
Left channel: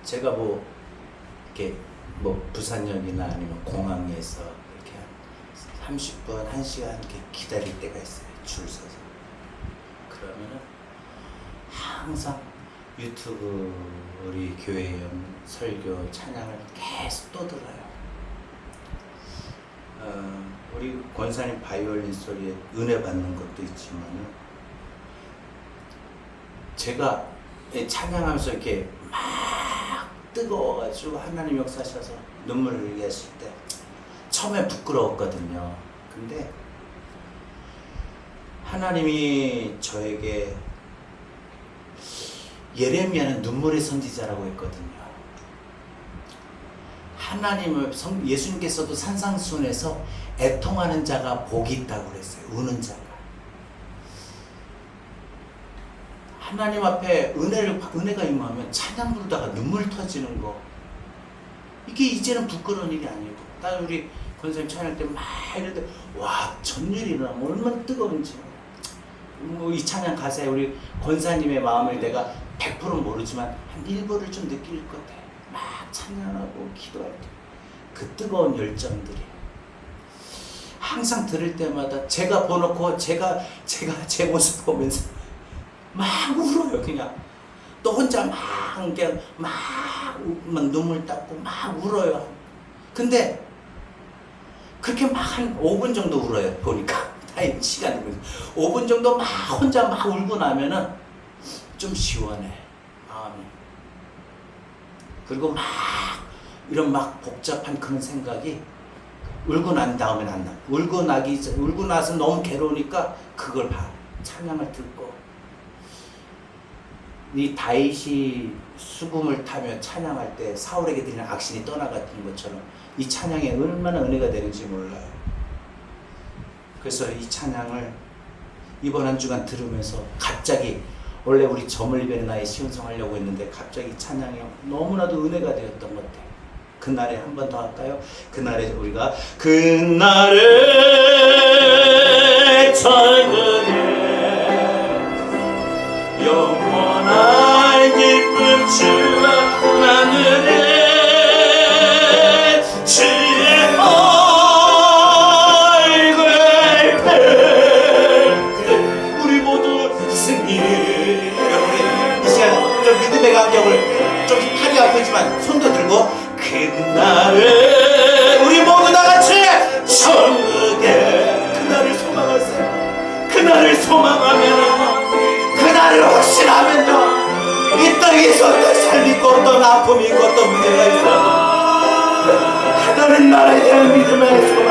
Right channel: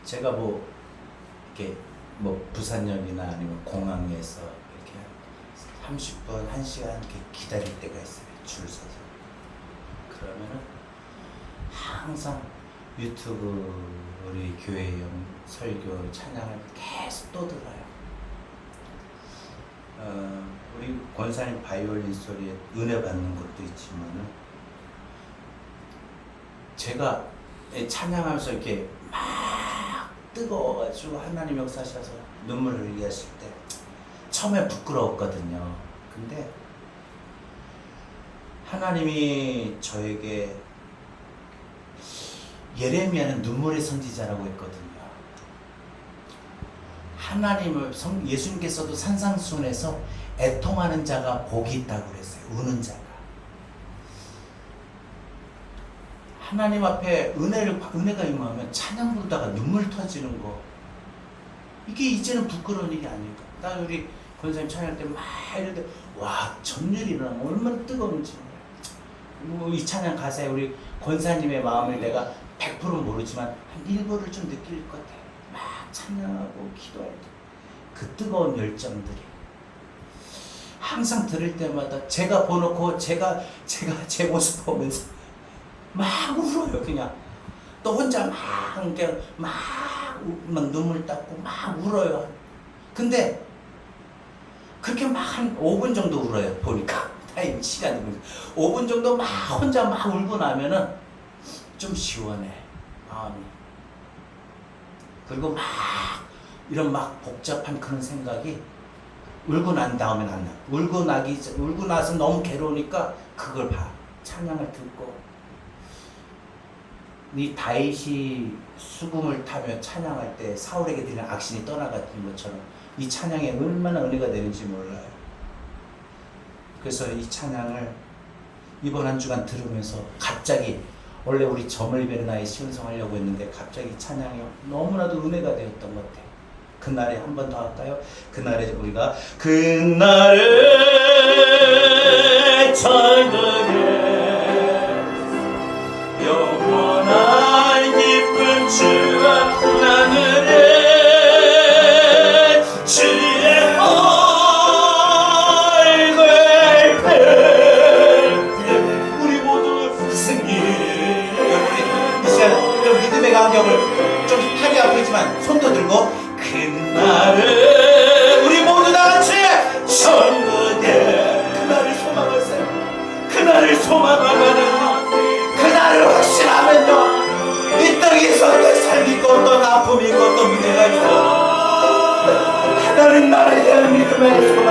제가 이렇게 부산역이나 아니면 공항에서 이렇게 30분, 1시간 이렇게 기다릴 때가 있어요. 줄 서서. 그러면은 항상 유튜브 우리 교회 설교 찬양을 계속 또 들어요. 우리 권사님 바이올린 소리에 은혜 받는 것도 있지만은 제가 찬양하면서 이렇게 막 뜨거워가지고 하나님 역사하셔서 눈물을 흘리게 하실 때 처음에 부끄러웠거든요. 근데 하나님이 저에게 예레미야는 눈물의 선지자라고 했거든요. 하나님을 예수님께서도 산상순에서 애통하는 자가 복이 있다고 그랬어요. 우는 자가. 하나님 앞에 은혜가 임하면 찬양 부르다가 눈물 터지는 거, 이게 이제는 부끄러운 일이 아니고, 딱 우리 권사님 찬양할 때 막 이럴 와 전율이 일어나면 얼마나 뜨거운지. 이 찬양 가사에 우리 권사님의 마음을 내가 100% 모르지만 한 일부를 좀 느낄 것 같아. 막 찬양하고 기도할 때 그 뜨거운 열정들이 항상 들을 때마다 제가 보놓고 제가 제 모습 보면서 막 울어요. 그냥 또 혼자 막 눈물 닦고 막 울어요. 근데 그렇게 막 한 5분 정도 울어요. 보니까 타임 시간이 5분 정도 막 혼자 막 울고 나면은 좀 시원해 마음이. 그리고 막 이런 막 복잡한 그런 생각이 울고 난 다음엔 안 나. 울고 나서 너무 괴로우니까 그걸 봐. 찬양을 듣고. 이 다윗이 수금을 타며 찬양할 때 사울에게 드리는 악신이 떠나갔던 것처럼 이 찬양이 얼마나 은혜가 되는지 몰라요. 그래서 이 찬양을 이번 한 주간 들으면서 갑자기 원래 우리 점을 베는 아이 시음성하려고 했는데 갑자기 이 찬양이 너무나도 은혜가 되었던 것 같아요. 그날에 한 번 더 할까요? 그날에 우리가 그날에 저녁에 영원한 기쁨 주와 나누리 주의 얼굴 뵐 때 우리 모두 승리. 우리 이 시간 좀 믿음의 감정을 좀 하기 아프지만 손도 들고 그날에 우리 모두 다같이 천국에 그날을 소망하세요. 그날을 소망하면은 그날을 확신하면요 이 땅에서 또 삶이 있고 또 아픔이 있고 또 문제가 있어 하나님 나라에 대한 믿음의 소망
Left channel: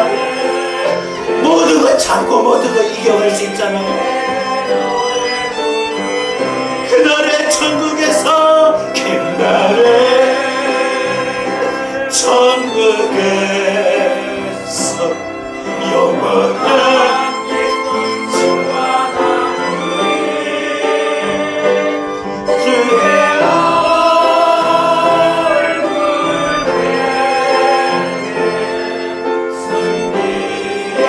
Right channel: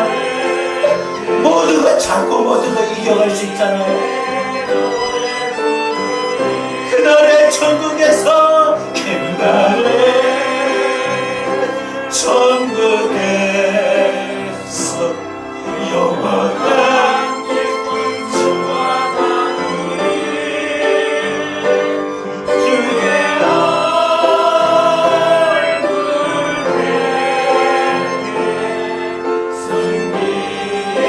모든 거 참고 모든 거 이겨갈 수 있잖아요. 그날의 천국에서 그날에 천국에서 영원한 기쁨과 나누리 주의 얼굴 뵙네 승리의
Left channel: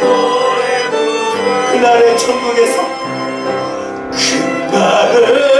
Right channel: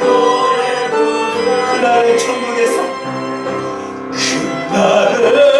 노래 부르리 그날의 천국에서 그날의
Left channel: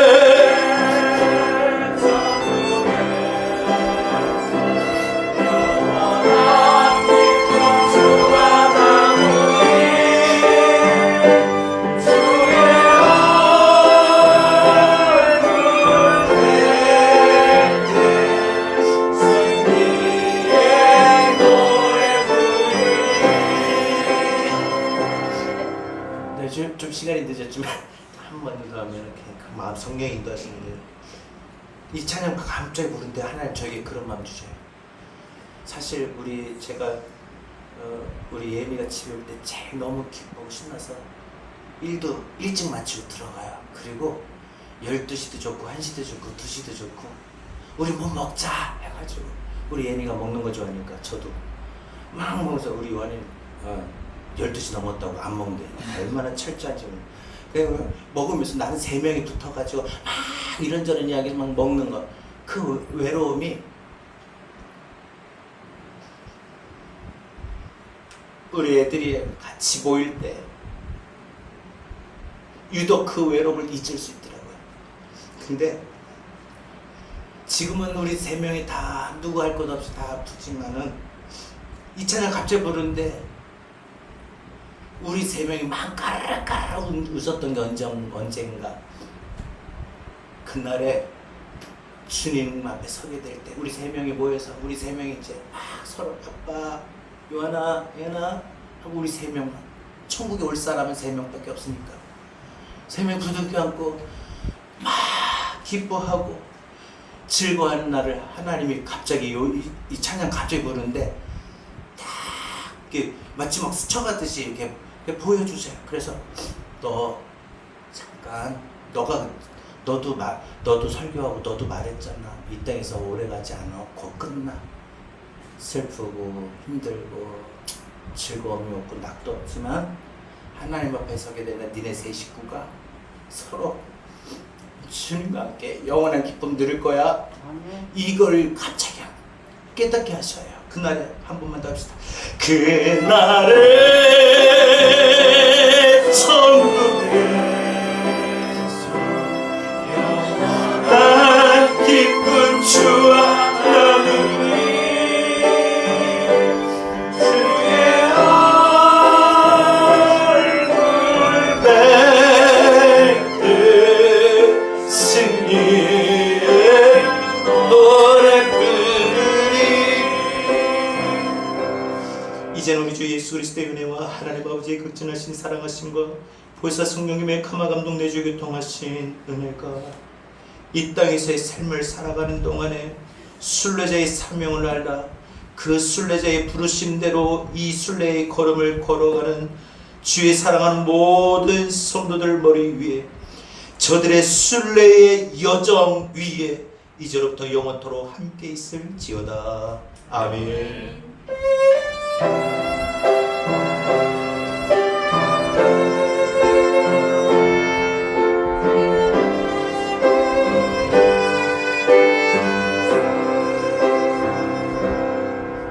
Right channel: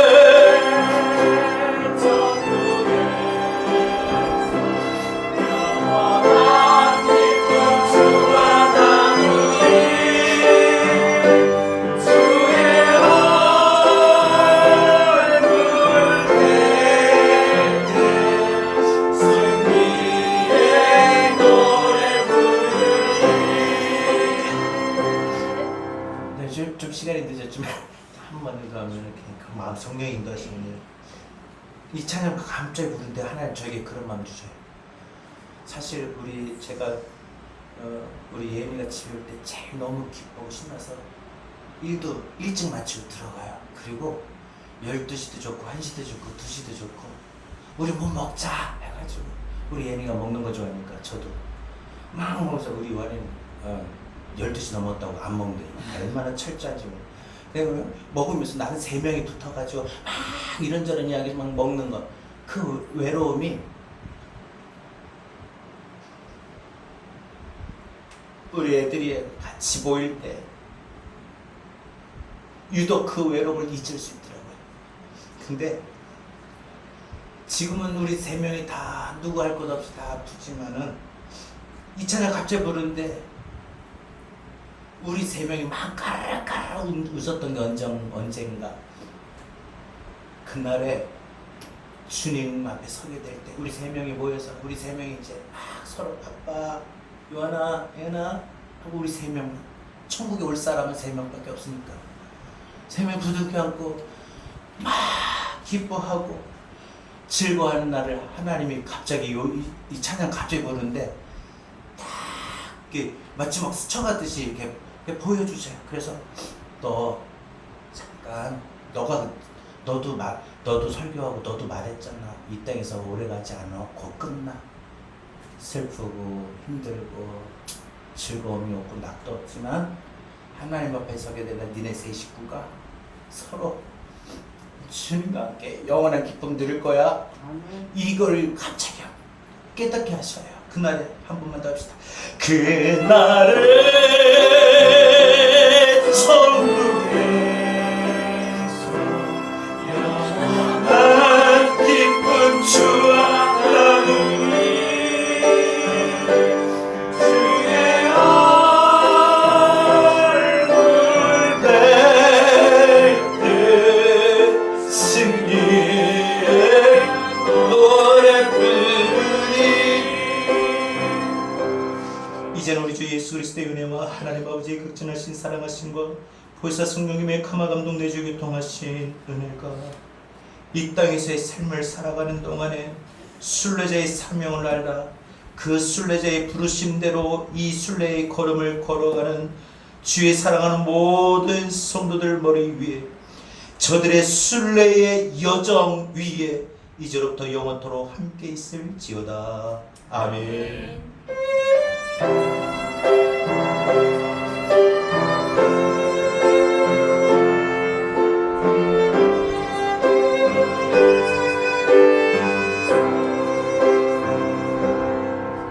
좀 시간이 늦었지만 한 번 더 하면 이렇게 마음 성경이 인도하시는 이 찬양 갑자기 부르는데 하나님 저에게 그런 마음 주셔요. 사실 제가 우리 예미가 집에 올 때 제일 너무 기쁘고 신나서 일도 일찍 마치고 들어가요. 그리고 12시도 좋고 1시도 좋고 2시도 좋고 우리 뭐 먹자 해가지고 우리 예미가 먹는 거 좋아하니까 저도 막 먹어서 우리 요한이는 12시 넘었다고 안 먹는데 얼마나 철저한지 먹으면서 나는 3명이 붙어가지고 막 이런저런 이야기 막 먹는 거 그 외로움이 우리 애들이 같이 모일 때 유독 그 외로움을 잊을 수 있더라고요. 근데 지금은 우리 3명이 다 누구 할 것 없이 다 아프지만은 이 찬양 갑자기 부르는데 우리 3명이 막 까르르 웃었던 게 언젠가 그날에 주님 앞에 서게 될 때 우리 3명이 모여서 우리 3명이 이제 막 서로 아빠 요한아 예나 하고 우리 3명 천국에 올 사람은 3명밖에 없으니까 3명 부둥켜 안고 막 기뻐하고 즐거워하는 날을 하나님이 갑자기 이 찬양 갑자기 부르는데 딱 이렇게 마치 막 스쳐가듯이 이렇게 보여주세요. 그래서 너 잠깐 너도 설교하고 너도 말했잖아. 이 땅에서 오래 가지 않아. 곧 끝나. 슬프고 힘들고 즐거움이 없고 낙도 없지만 하나님 앞에 서게 되는 니네 세 식구가 서로 주님과 함께 영원한 기쁨 누릴 거야. 이걸 갑자기 깨닫게 하셔요. 그날에 한 번만 더 합시다. 그날에 천국에서 영원한 기쁨 주와 나누리 주의 얼굴 뵐 때 승리의 노래 부르리. 이제는 우리 주 예수 그리스도의 은혜와 하나님 아버지의 극진하신 사랑하심과 보혜사 성령님의 감화 감동 내주 교통하신 은혜가 이 땅에서의 삶을 살아가는 동안에 순례자의 사명을 알라 그 순례자의 부르심대로 이 순례의 걸음을 걸어가는 주의 사랑하는 모든 성도들 머리 위에 저들의 순례의 여정 위에 이제로부터 영원토록 함께 있을지어다. 아멘.